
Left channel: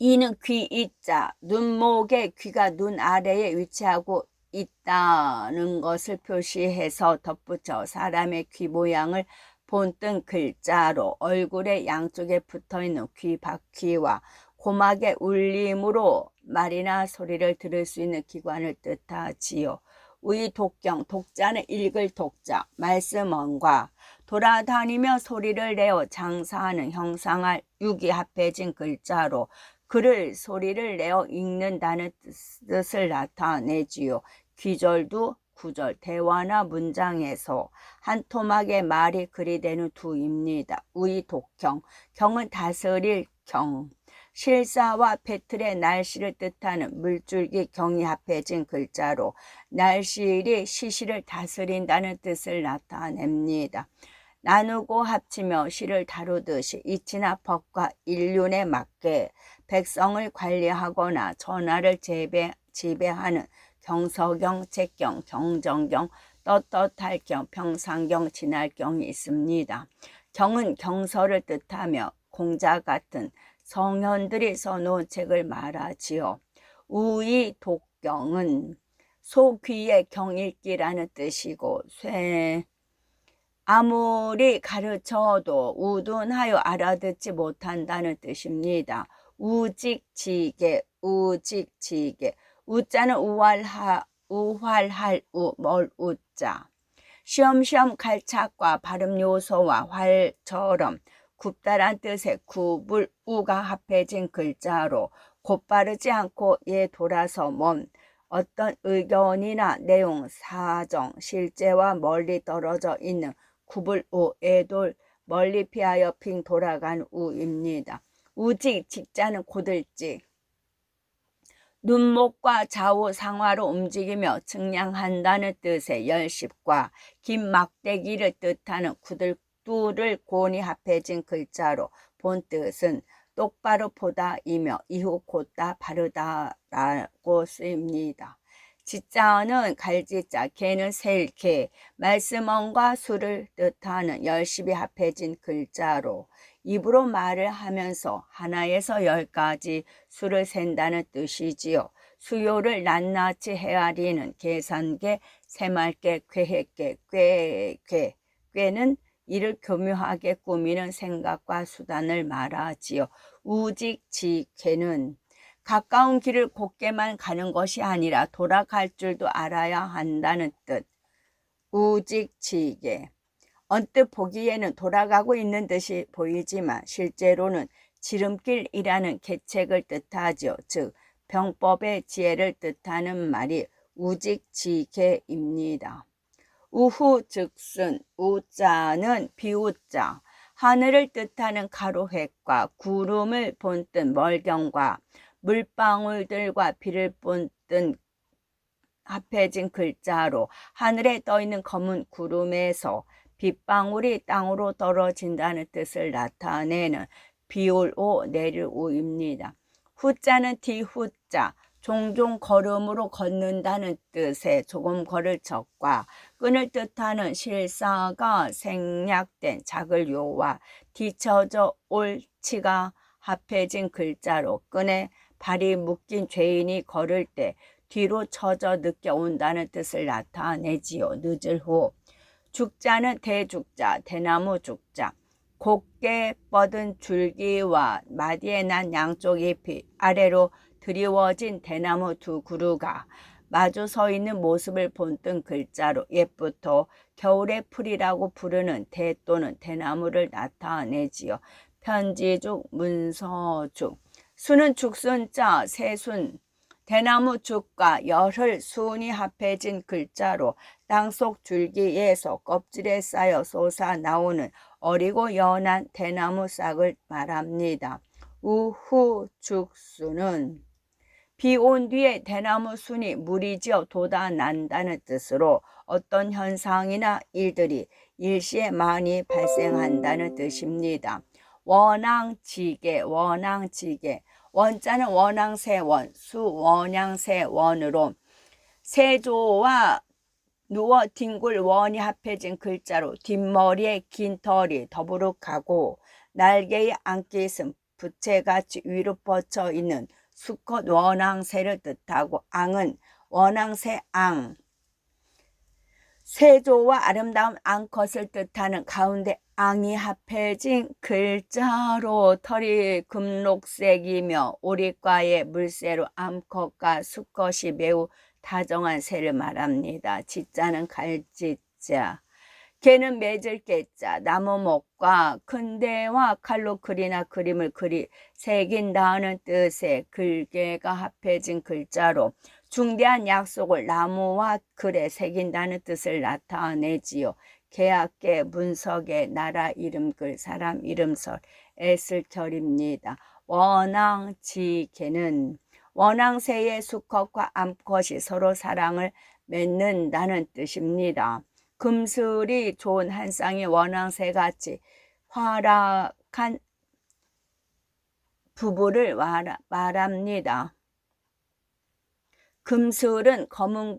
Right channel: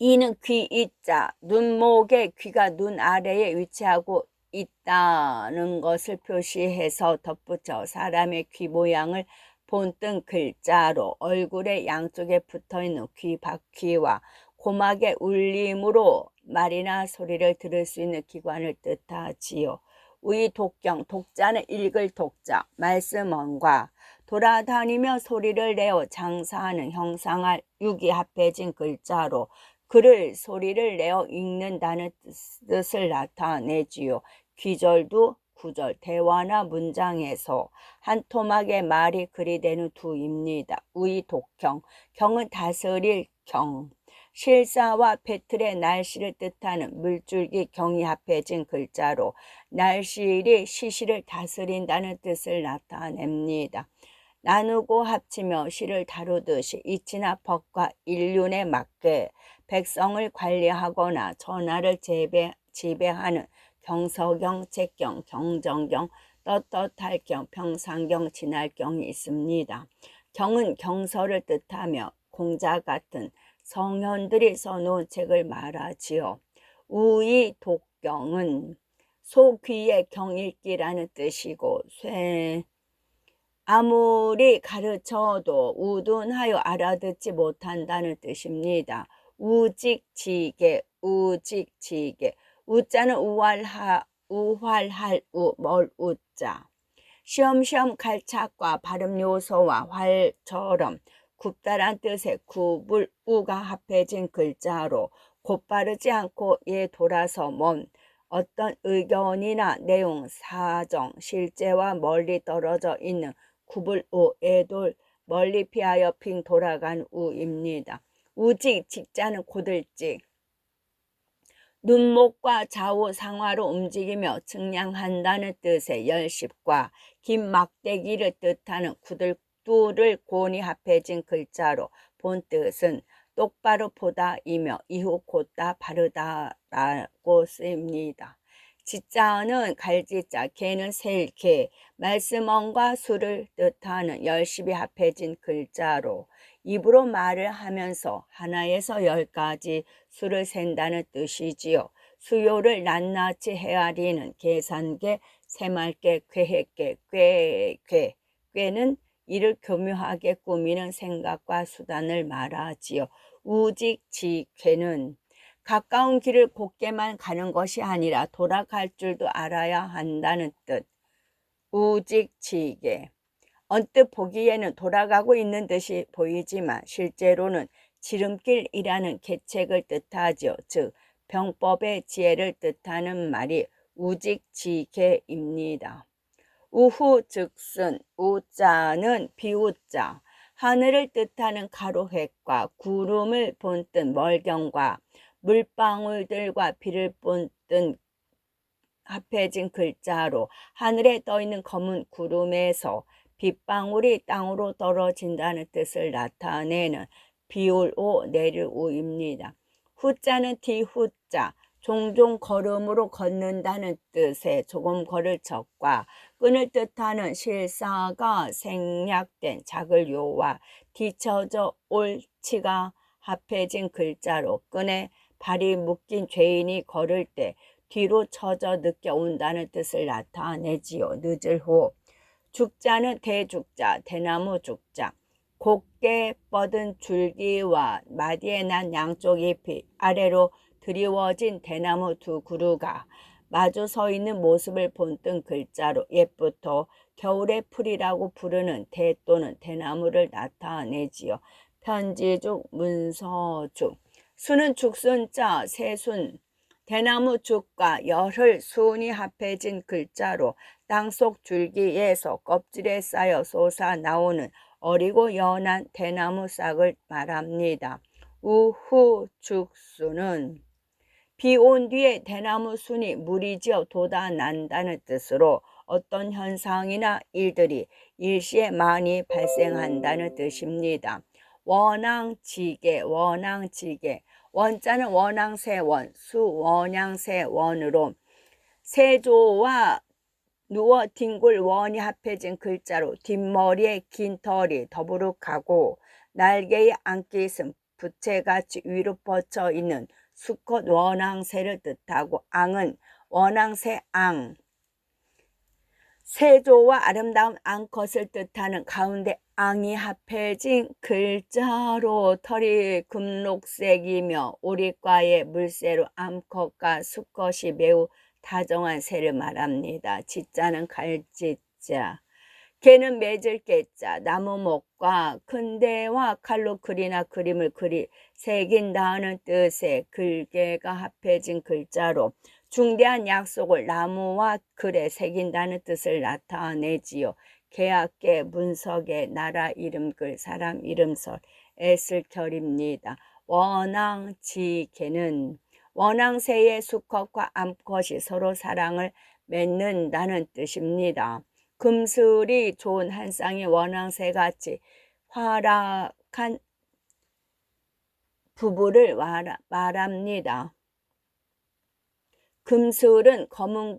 이는 귀 이자, 눈목의 귀가 눈 아래에 위치하고 있다는 것을 표시해서 덧붙여 사람의 귀 모양을 본뜬 글자로 얼굴의 양쪽에 붙어있는 귀 바퀴와 고막의 울림으로 말이나 소리를 들을 수 있는 기관을 뜻하지요. 우이독경, 독자는 읽을 독자, 말씀언과 돌아다니며 소리를 내어 장사하는 형상할 육이 합해진 글자로 글을 소리를 내어 읽는다는 뜻을 나타내지요. 귀절두, 구절, 대화나 문장에서 한 토막의 말이 글이 되는 두입니다. 우이독경, 경은 다스릴 경, 실사와 배틀의 날씨를 뜻하는 물줄기 경이 합해진 글자로 날씨일이 시시를 다스린다는 뜻을 나타냅니다. 나누고 합치며 시를 다루듯이 이치나 법과 일륜에 맞게 백성을 관리하거나 전하를 지배하는 경서경, 책경, 경정경, 떳떳할경, 평상경, 진할경이 있습니다. 경은 경서를 뜻하며 공자 같은 성현들이 써놓은 책을 말하지요. 우이 독경은 소귀의 경읽기라는 뜻이고 아무리 가르쳐도 우둔하여 알아듣지 못한다는 뜻입니다. 우직지게, 우직지게. 우자는 우활할 우, 멀 우자. 쉬엄쉬엄 갈착과 발음 요소와 활처럼 굽다란 뜻의 굽을 우가 합해진 글자로 곧바르지 않고 돌아서 먼 어떤 의견이나 내용, 사정, 실제와 멀리 떨어져 있는 굽을 우, 애돌, 멀리 피하여 빙 돌아간 우입니다. 우직, 직자는 고들직. 눈목과 좌우 상하로 움직이며 측량한다는 뜻의 열십과 긴 막대기를 뜻하는 구들두를 고니 합해진 글자로 본 뜻은 똑바로 보다이며 이후 곧다 바르다라고 쓰입니다. 지자는 갈지자, 개는 셀 개, 말씀언과 수를 뜻하는 열십이 합해진 글자로 입으로 말을 하면서 하나에서 10까지 수를 센다는 뜻이지요. 수요를 낱낱이 헤아리는 계산계, 새말계, 괴획계, 꾀는 이를 교묘하게 꾸미는 생각과 수단을 말하지요. 우직지괴는 가까운 길을 곧게만 가는 것이 아니라 돌아갈 줄도 알아야 한다는 뜻. 우직지괴. 언뜻 보기에는 돌아가고 있는 듯이 보이지만 실제로는 지름길이라는 계책을 뜻하죠. 즉 병법의 지혜를 뜻하는 말이 우직지괴입니다. 우후즉슨, 우자는 비우자, 하늘을 뜻하는 가로획과 구름을 본뜬 멀경과 물방울들과 비를 본뜬 합해진 글자로 하늘에 떠있는 검은 구름에서 빗방울이 땅으로 떨어진다는 뜻을 나타내는 비올 오 내릴 오입니다. 후자는 뒤후자, 종종 걸음으로 걷는다는 뜻의 조금 걸을 적과 끈을 뜻하는 실사가 생략된 작을 요와 뒤쳐져 올 치가 합해진 글자로 끈에 발이 묶인 죄인이 걸을 때 뒤로 처져 늦게 온다는 뜻을 나타내지요. 늦을 후. 죽자는 대죽자, 대나무 죽자. 곱게 뻗은 줄기와 마디에 난 양쪽 잎이 아래로 드리워진 대나무 두 그루가 마주 서 있는 모습을 본뜬 글자로 옛부터 겨울의 풀이라고 부르는 대 또는 대나무를 나타내지요. 편지죽, 문서죽. 수는 죽순자, 새순, 대나무 죽과 열흘 순이 합해진 글자로 땅속 줄기에서 껍질에 쌓여 솟아나오는 어리고 연한 대나무 싹을 말합니다. 우후 죽순은 비 온 뒤에 대나무 순이 무리지어 돋아난다는 뜻으로 어떤 현상이나 일들이 일시에 많이 발생한다는 뜻입니다. 원앙지계, 원앙지계. 원자는 원앙새원, 수원양새원으로 세조와 누워 뒹굴 원이 합해진 글자로 뒷머리에 긴 털이 더부룩하고 날개에 안겨 있음 부채같이 위로 뻗쳐 있는 수컷 원앙새를 뜻하고 앙은 원앙새 앙, 세조와 아름다운 앙컷을 뜻하는 가운데 앙이 합해진 글자로 털이 금록색이며 오리과의 물새로 암컷과 수컷이 매우 다정한 새를 말합니다. 지자는 갈지자. 개는 맺을 개자, 나무목과 큰 대와 칼로 글이나 그림을 새긴다는 뜻의 글개가 합해진 글자로 중대한 약속을 나무와 글에 새긴다는 뜻을 나타내지요. 계약계, 문석에, 나라 이름글, 사람 이름설, 애슬결입니다. 원앙지계는 원앙새의 수컷과 암컷이 서로 사랑을 맺는다는 뜻입니다. 금슬이 좋은 한 쌍의 원앙새같이 활약한 부부를 말합니다. 금슬은 검은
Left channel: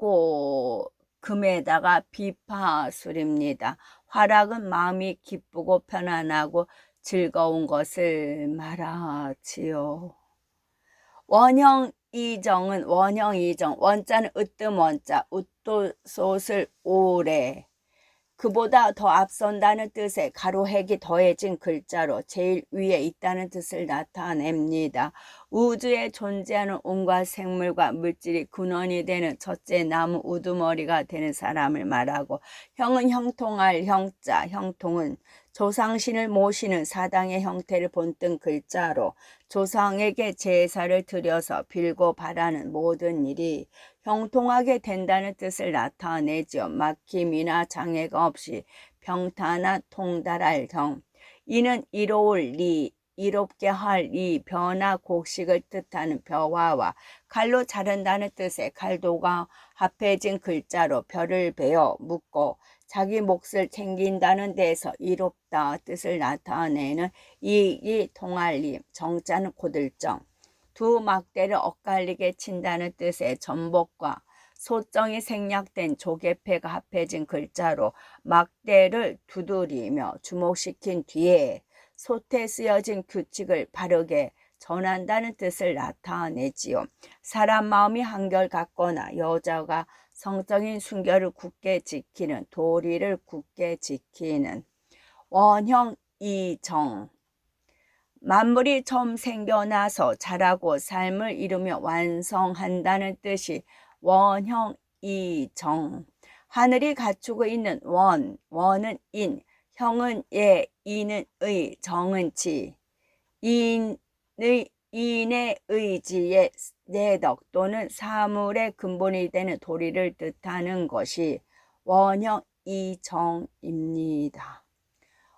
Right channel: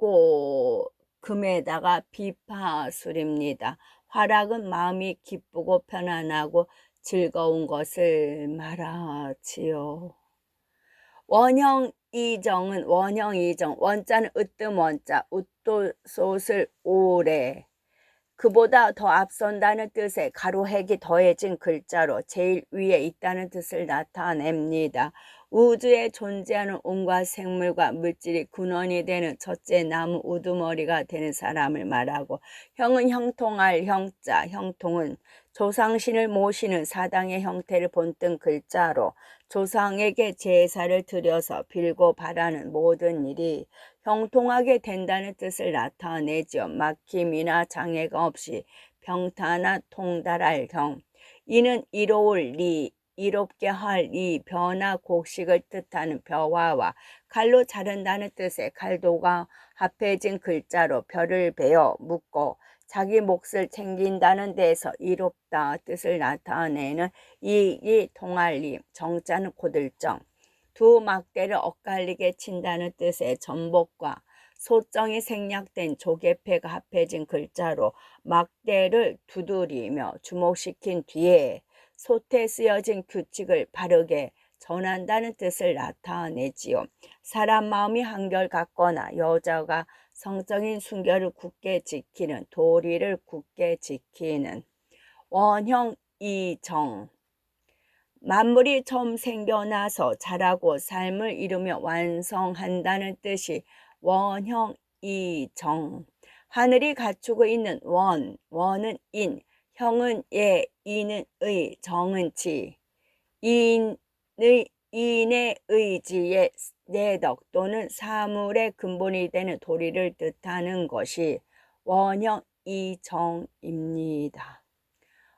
금에다가 비파술입니다. 활약은 마음이 기쁘고 편안하고 즐거운 것을 말하지요. 원형이정은 원형이정, 원자는 으뜸 원자, 웃도솥을 오래, 그보다 더 앞선다는 뜻의 가로획이 더해진 글자로 제일 위에 있다는 뜻을 나타냅니다. 우주에 존재하는 온갖 생물과 물질이 근원이 되는 첫째 나무 우두머리가 되는 사람을 말하고, 형은 형통할 형자, 형통은 조상신을 모시는 사당의 형태를 본뜬 글자로 조상에게 제사를 드려서 빌고 바라는 모든 일이 형통하게 된다는 뜻을 나타내죠. 막힘이나 장애가 없이 평탄한 통달할 형. 이는 이로울 리, 이롭게 할 이 벼나 곡식을 뜻하는 벼화와 칼로 자른다는 뜻의 칼도가 합해진 글자로 벼를 베어 묶고 자기 몫을 챙긴다는 데에서 이롭다 뜻을 나타내는 이익이 통할리, 정자는 고들정. 두 막대를 엇갈리게 친다는 뜻의 전복과 소정이 생략된 조개패가 합해진 글자로 막대를 두드리며 주목시킨 뒤에 솥에 쓰여진 규칙을 바르게 전한다는 뜻을 나타내지요. 사람 마음이 한결같거나 여자가 성적인 순결을 굳게 지키는, 도리를 굳게 지키는. 원형이정. 만물이 처음 생겨나서 자라고 삶을 이루며 완성한다는 뜻이 원형이정. 하늘이 갖추고 있는 원은 인, 형은 예, 이는 의, 정은 지. 인의 의지의 내덕 또는 사물의 근본이 되는 도리를 뜻하는 것이 원형이정입니다.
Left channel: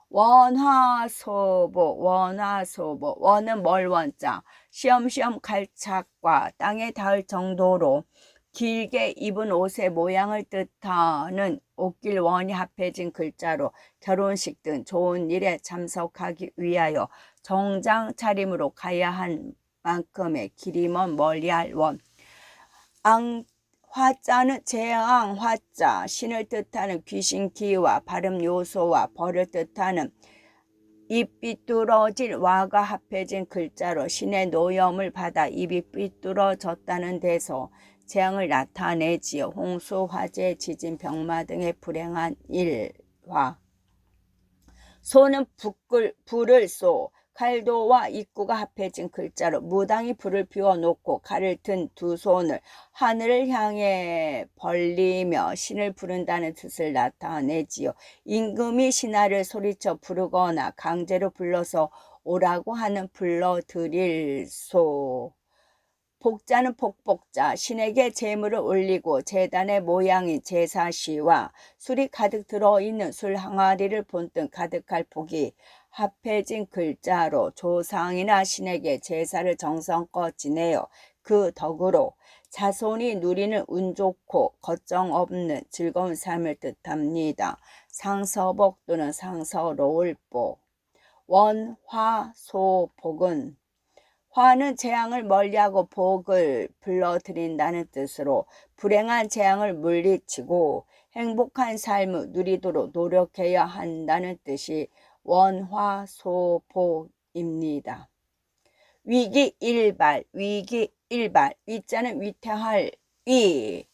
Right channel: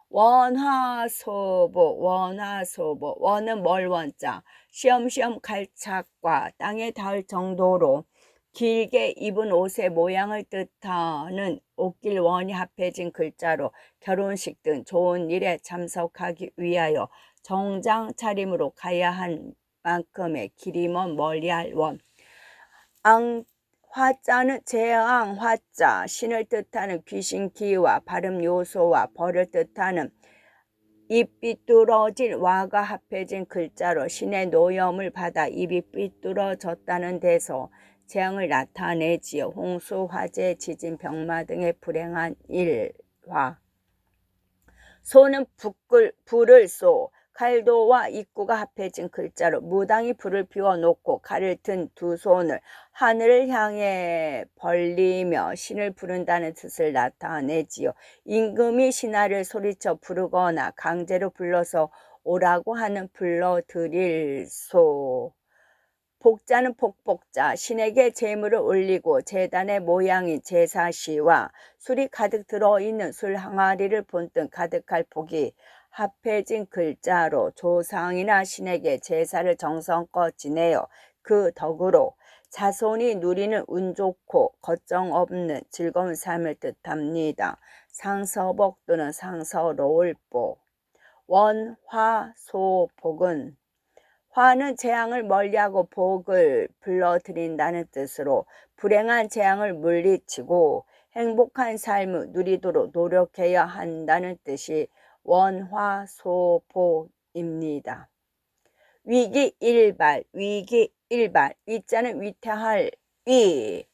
원화소보, 원화소보. 원은 멀원자, 시험시험 갈착과 땅에 닿을 정도로 길게 입은 옷의 모양을 뜻하는 옷길 원이 합해진 글자로 결혼식 등 좋은 일에 참석하기 위하여 정장 차림으로 가야 한 만큼의 길이 먼 멀리할 원. 화자는 재앙 화자, 신을 뜻하는 귀신기와 발음 요소와 벌을 뜻하는 입 삐뚤어질 와가 합해진 글자로 신의 노염을 받아 입이 삐뚤어졌다는 데서 재앙을 나타내지요. 홍수, 화재, 지진, 병마 등의 불행한 일화. 소는 불을 쏘 칼도와 입구가 합해진 글자로 무당이 불을 피워놓고 칼을 든 두 손을 하늘을 향해 벌리며 신을 부른다는 뜻을 나타내지요. 임금이 신하를 소리쳐 부르거나 강제로 불러서 오라고 하는 불러들일 소. 복자는 복복자, 신에게 제물을 올리고 제단의 모양인 제사시와 술이 가득 들어있는 술 항아리를 본뜬 가득할 복이 합해진 글자로 조상이나 신에게 제사를 정성껏 지내어 그 덕으로 자손이 누리는 운 좋고 걱정 없는 즐거운 삶을 뜻합니다. 상서복 또는 상서로울 복. 원화소복은 화는 재앙을 멀리하고 복을 불러들인다는 뜻으로 불행한 재앙을 물리치고 행복한 삶을 누리도록 노력해야 한다는 뜻이 원화소복입니다. 위기일발, 위기일발, 위자는 위태할 위,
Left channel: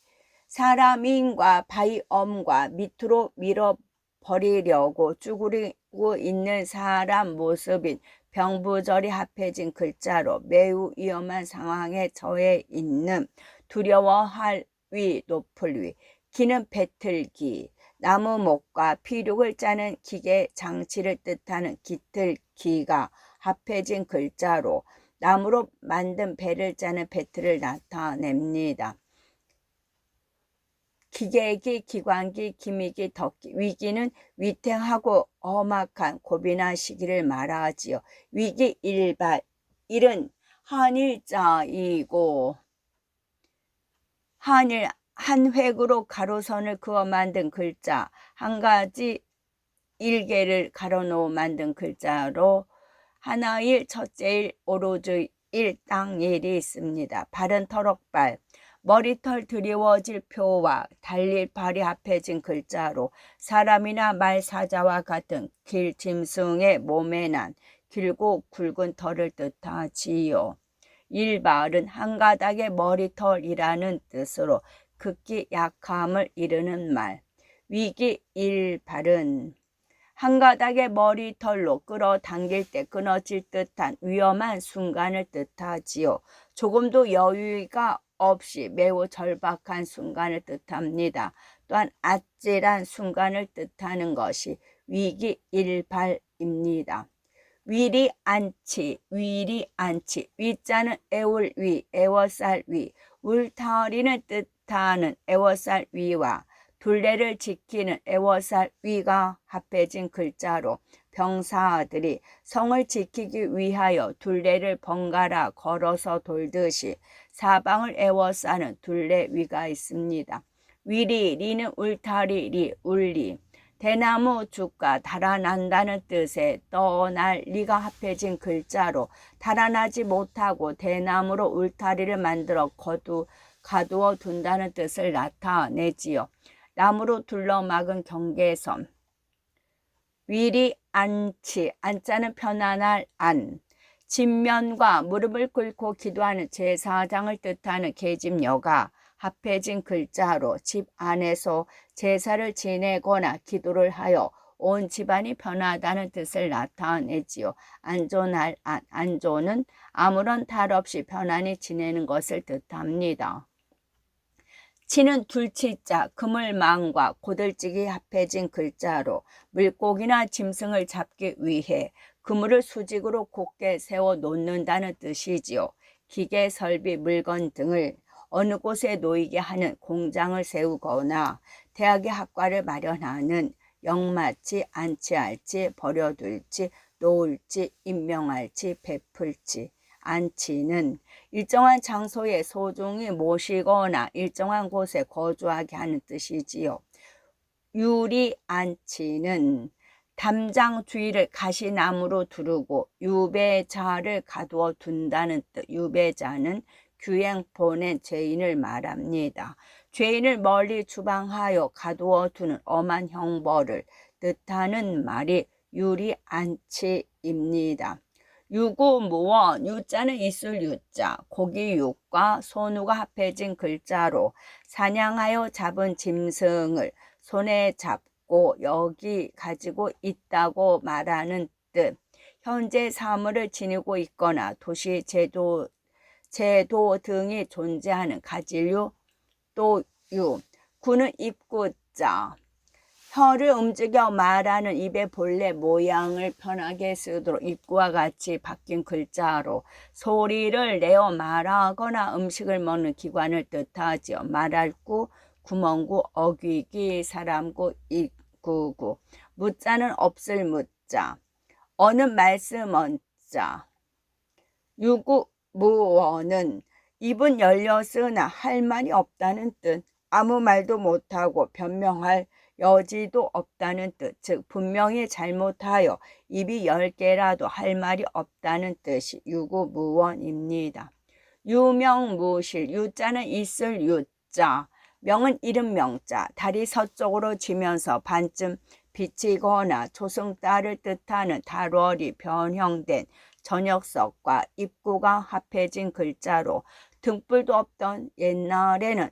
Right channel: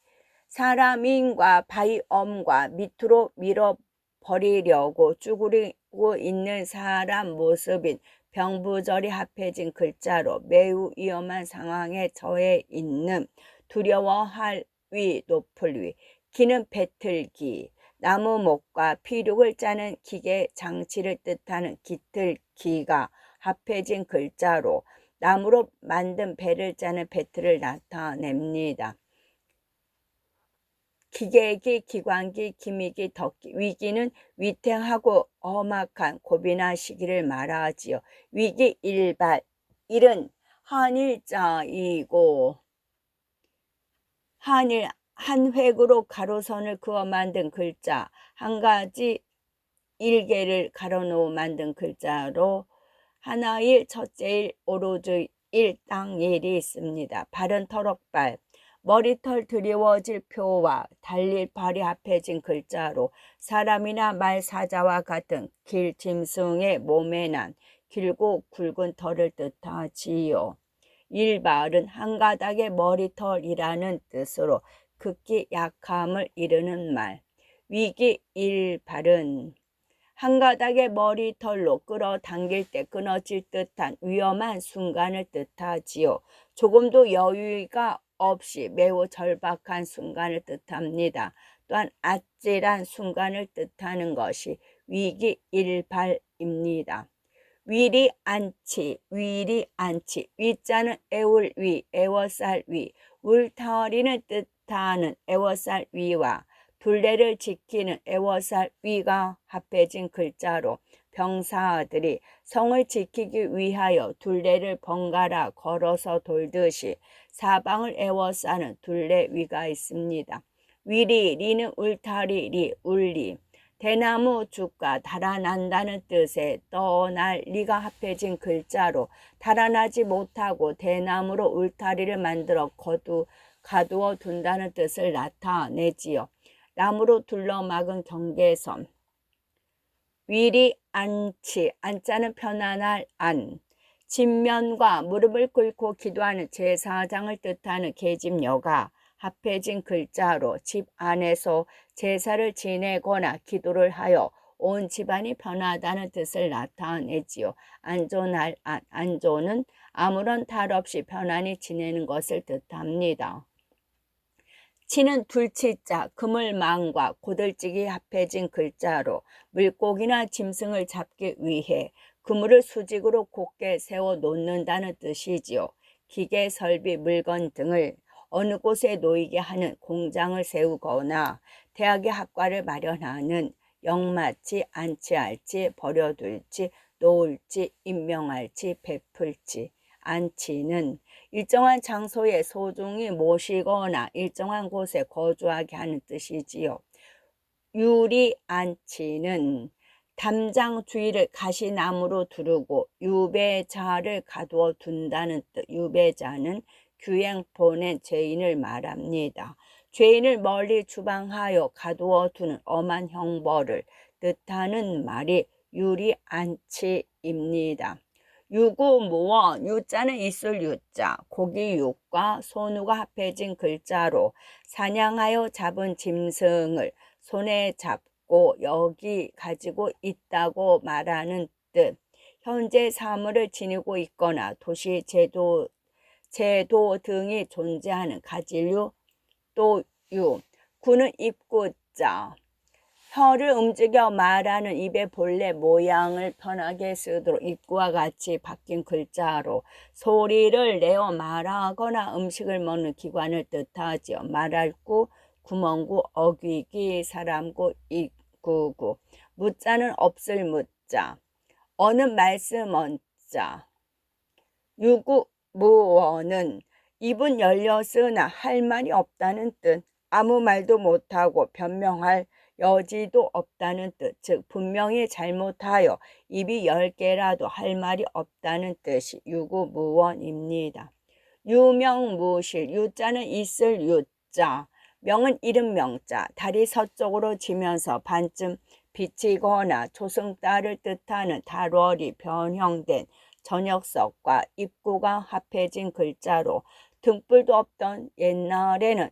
사람인과 바위엄과 밑으로 밀어버리려고 쭈그리고 있는 사람 모습인 병부절이 합해진 글자로 매우 위험한 상황에 처해 있는 두려워할 위, 높을 위. 기는 배틀기, 나무목과 피륙을 짜는 기계 장치를 뜻하는 기틀기가 합해진 글자로 나무로 만든 배를 짜는 배틀을 나타냅니다. 기계기, 기관기, 기미기, 덕기. 위기는 위태하고 험악한 고비나 시기를 말하지요. 위기 일발, 일은 한일자이고 한 획으로 가로선을 그어 만든 글자, 한 가지 일개를 가로놓어 만든 글자로 하나일, 첫째일, 오로즈일, 땅일이 있습니다. 발은 터럭발, 머리털 드리워질 표와 달릴 발이 합해진 글자로 사람이나 말 사자와 같은 길 짐승의 몸에 난 길고 굵은 털을 뜻하지요. 일발은 한 가닥의 머리털이라는 뜻으로 극히 약함을 이르는 말. 위기 일발은 한 가닥의 머리털로 끌어당길 때 끊어질 듯한 위험한 순간을 뜻하지요. 조금도 여유가 없이 매우 절박한 순간을 뜻합니다. 또한 아찔한 순간을 뜻하는 것이 위기일발입니다. 위리 안치, 위리 안치, 위자는 애울 위, 애워쌀 위, 울타리는 뜻하는 애워쌀 위와 둘레를 지키는 애워쌀 위가 합해진 글자로 병사들이 성을 지키기 위하여 둘레를 번갈아 걸어서 돌듯이 사방을 애워싸는 둘레 위가 있습니다. 위리, 리는 울타리, 리, 울리. 대나무 죽과 달아난다는 뜻의 떠날 리가 합해진 글자로 달아나지 못하고 대나무로 울타리를 만들어 가두어 둔다는 뜻을 나타내지요. 나무로 둘러막은 경계선. 위리 안치, 안자는 편안할 안. 진면과 무릎을 꿇고 기도하는 제사장을 뜻하는 계집녀가 합해진 글자로 집 안에서 제사를 지내거나 기도를 하여 온 집안이 편하다는 뜻을 나타내지요. 안존할 안, 안존은 아무런 탈 없이 편안히 지내는 것을 뜻합니다. 치는 둘치자, 그물망과 고들찌기 합해진 글자로 물고기나 짐승을 잡기 위해 그물을 수직으로 곧게 세워 놓는다는 뜻이지요. 기계, 설비, 물건 등을 어느 곳에 놓이게 하는 공장을 세우거나 대학의 학과를 마련하는 영마치, 안치할지, 버려둘지, 놓을지, 임명할지, 베풀지. 안치는 일정한 장소에 소중히 모시거나 일정한 곳에 거주하게 하는 뜻이지요. 유리안치는 담장 주위를 가시나무로 두르고 유배자를 가두어 둔다는 뜻. 유배자는 규행 보낸 죄인을 말합니다. 죄인을 멀리 추방하여 가두어 두는 엄한 형벌을 뜻하는 말이 유리안치입니다. 유구무원, 유자는 있을 유자, 고기육과 소누가 합해진 글자로 사냥하여 잡은 짐승을 손에 잡고 있고 여기 가지고 있다고 말하는 뜻. 현재 사물을 지니고 있거나 도시 제도 등이 존재하는 가질류 또유. 구는 입구자. 혀를 움직여 말하는 입의 본래 모양을 편하게 쓰도록 입구와 같이 바뀐 글자로 소리를 내어 말하거나 음식을 먹는 기관을 뜻하지요. 말할 구, 구멍구, 어귀기, 사람구, 입구구. 무자는 없을 무자. 어는 말씀 언자. 유구무원은 입은 열렸으나 할 말이 없다는 뜻. 아무 말도 못하고 변명할 여지도 없다는 뜻. 즉 분명히 잘못하여 입이 10개라도 할 말이 없다는 뜻이 유구무원입니다. 유명무실. 유자는 있을 유자. 명은 이름 명자. 달이 서쪽으로 지면서 반쯤 비치거나 초승달을 뜻하는 달월이 변형된 저녁석과 입구가 합해진 글자로 등불도 없던 옛날에는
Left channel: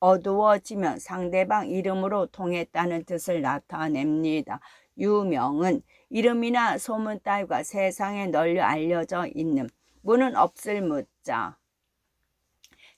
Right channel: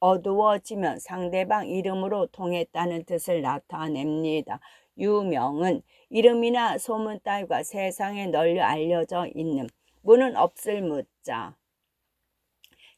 어두워지면 상대방 이름으로 통했다는 뜻을 나타냅니다. 유명은 이름이나 소문 따위가 세상에 널리 알려져 있는. 무는 없을 무자.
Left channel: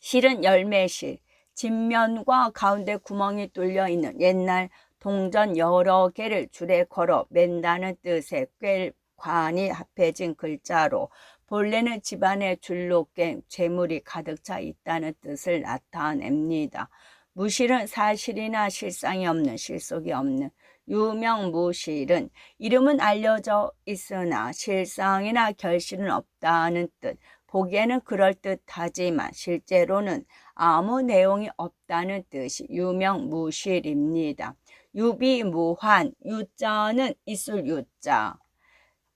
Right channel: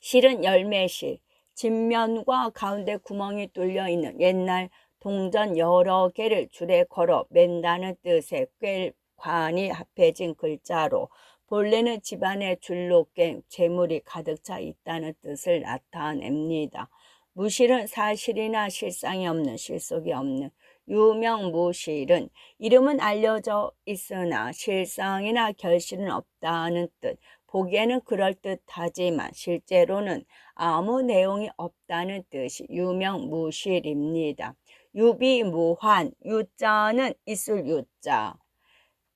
실은 열매실. 진면과 가운데 구멍이 뚫려 있는 옛날 동전 여러 개를 줄에 걸어 맨다는 뜻의 꿰관이 합해진 글자로 본래는 집안에 줄로 깬 재물이 가득 차 있다는 뜻을 나타냅니다. 무실은 사실이나 실상이 없는, 실속이 없는. 유명무실은 이름은 알려져 있으나 실상이나 결실은 없다는 뜻. 보기에는 그럴듯하지만 실제로는 아무 내용이 없다는 뜻이 유명무실입니다. 유비무환. 유자는 있을 유자.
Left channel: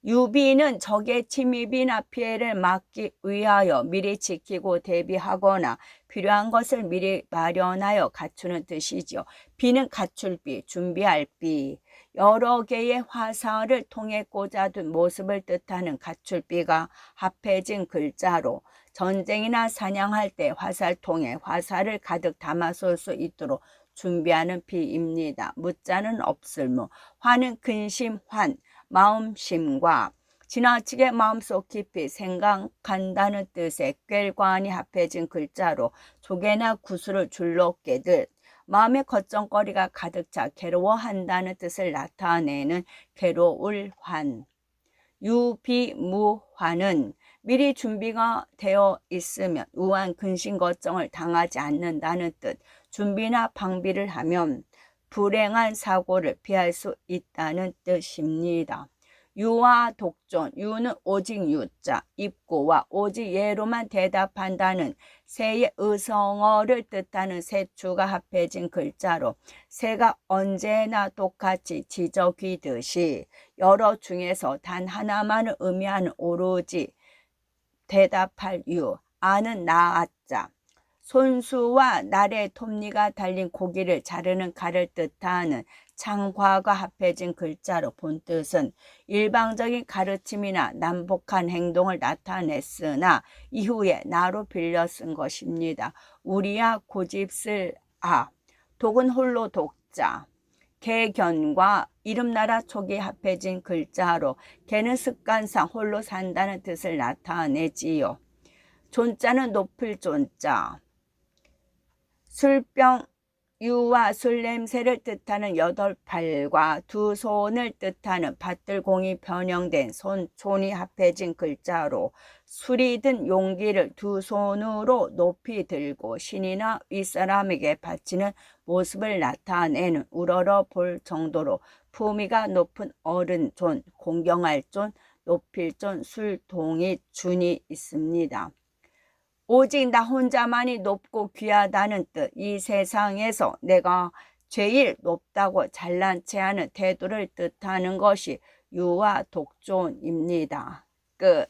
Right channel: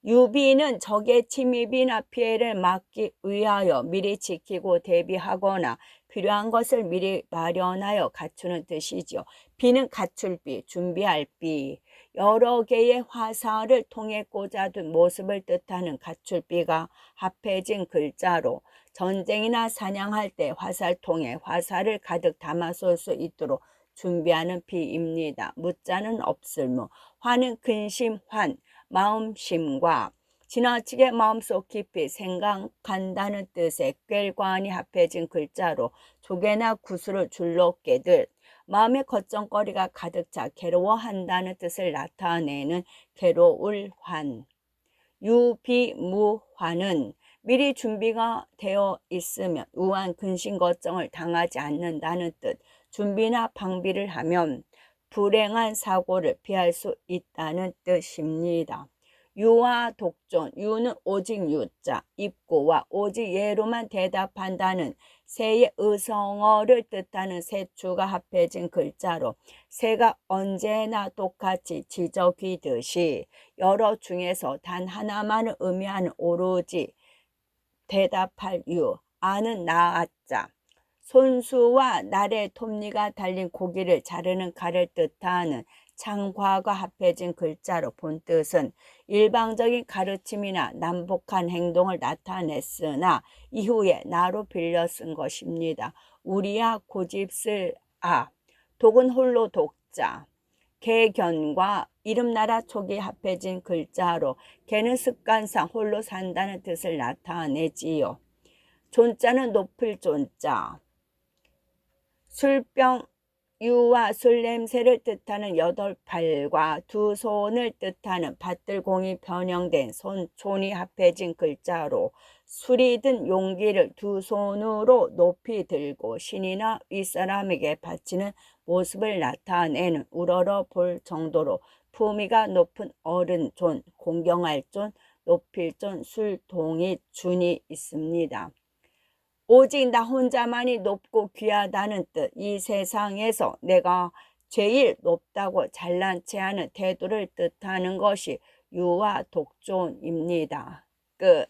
유비는 적의 침입이나 피해를 막기 위하여 미리 지키고 대비하거나 필요한 것을 미리 마련하여 갖추는 뜻이지요. 비는 갖출 비, 준비할 비. 여러 개의 화살을 통에 꽂아둔 모습을 뜻하는 갖출 비가 합해진 글자로 전쟁이나 사냥할 때 화살통에 화살을 가득 담아 쏠 수 있도록 준비하는 비입니다. 무자는 없을 무. 환은 근심, 환. 마음심과 지나치게 마음속 깊이 생각한다는 뜻의 꿰관이 합해진 글자로 조개나 구슬을 줄로 깨듯 마음의 걱정거리가 가득 차 괴로워한다는 뜻을 나타내는 괴로울 환. 유비무환은 미리 준비가 되어 있으면 우한 근심 걱정을 당하지 않는다는 뜻. 준비나 방비를 하면 불행한 사고를 피할 수 있다는 뜻입니다. 유와 독존. 유는 오직 유자, 입고와 오직 예로만 대답한다는 새의 의성어를 뜻하는 새추가 합해진 글자로 새가 언제나 똑같이 지저귀듯이 여러 중에서 단 하나만을 의미하는 오로지 대답할 유. 아는 나아자. 손수와 날의 톱니가 달린 고기를 자르는 칼을 뜻하는 창과가 합해진 글자로 본뜻은 일방적인 가르침이나 난폭한 행동을 나타냈으나 이후에 나로 빌려 쓴 것입니다. 우리야 고집쓸 아. 독은 홀로 독자. 개견과 이름나라 촉이 합해진 글자로 개는 습관상 홀로 산다는 뜻을 나타내지요. 존자는 높을 존자. 술병. 유와 술 냄새를 뜻하는 8팔과 두 손을 뜻하는 밭들공이 변형된 손촌이 합해진 글자로 술이 든 용기를 두 손으로 높이 들고 신이나 윗사람에게 바치는 모습을 나타내는 우러러 볼 정도로 품위가 높은 어른존, 공경할 존, 높일 존, 술동이 준이 있습니다. 오직 나 혼자만이 높고 귀하다는 뜻. 이 세상에서 내가 제일 높다고 잘난 체하는 태도를 뜻하는 것이 유와 독존입니다. 끝.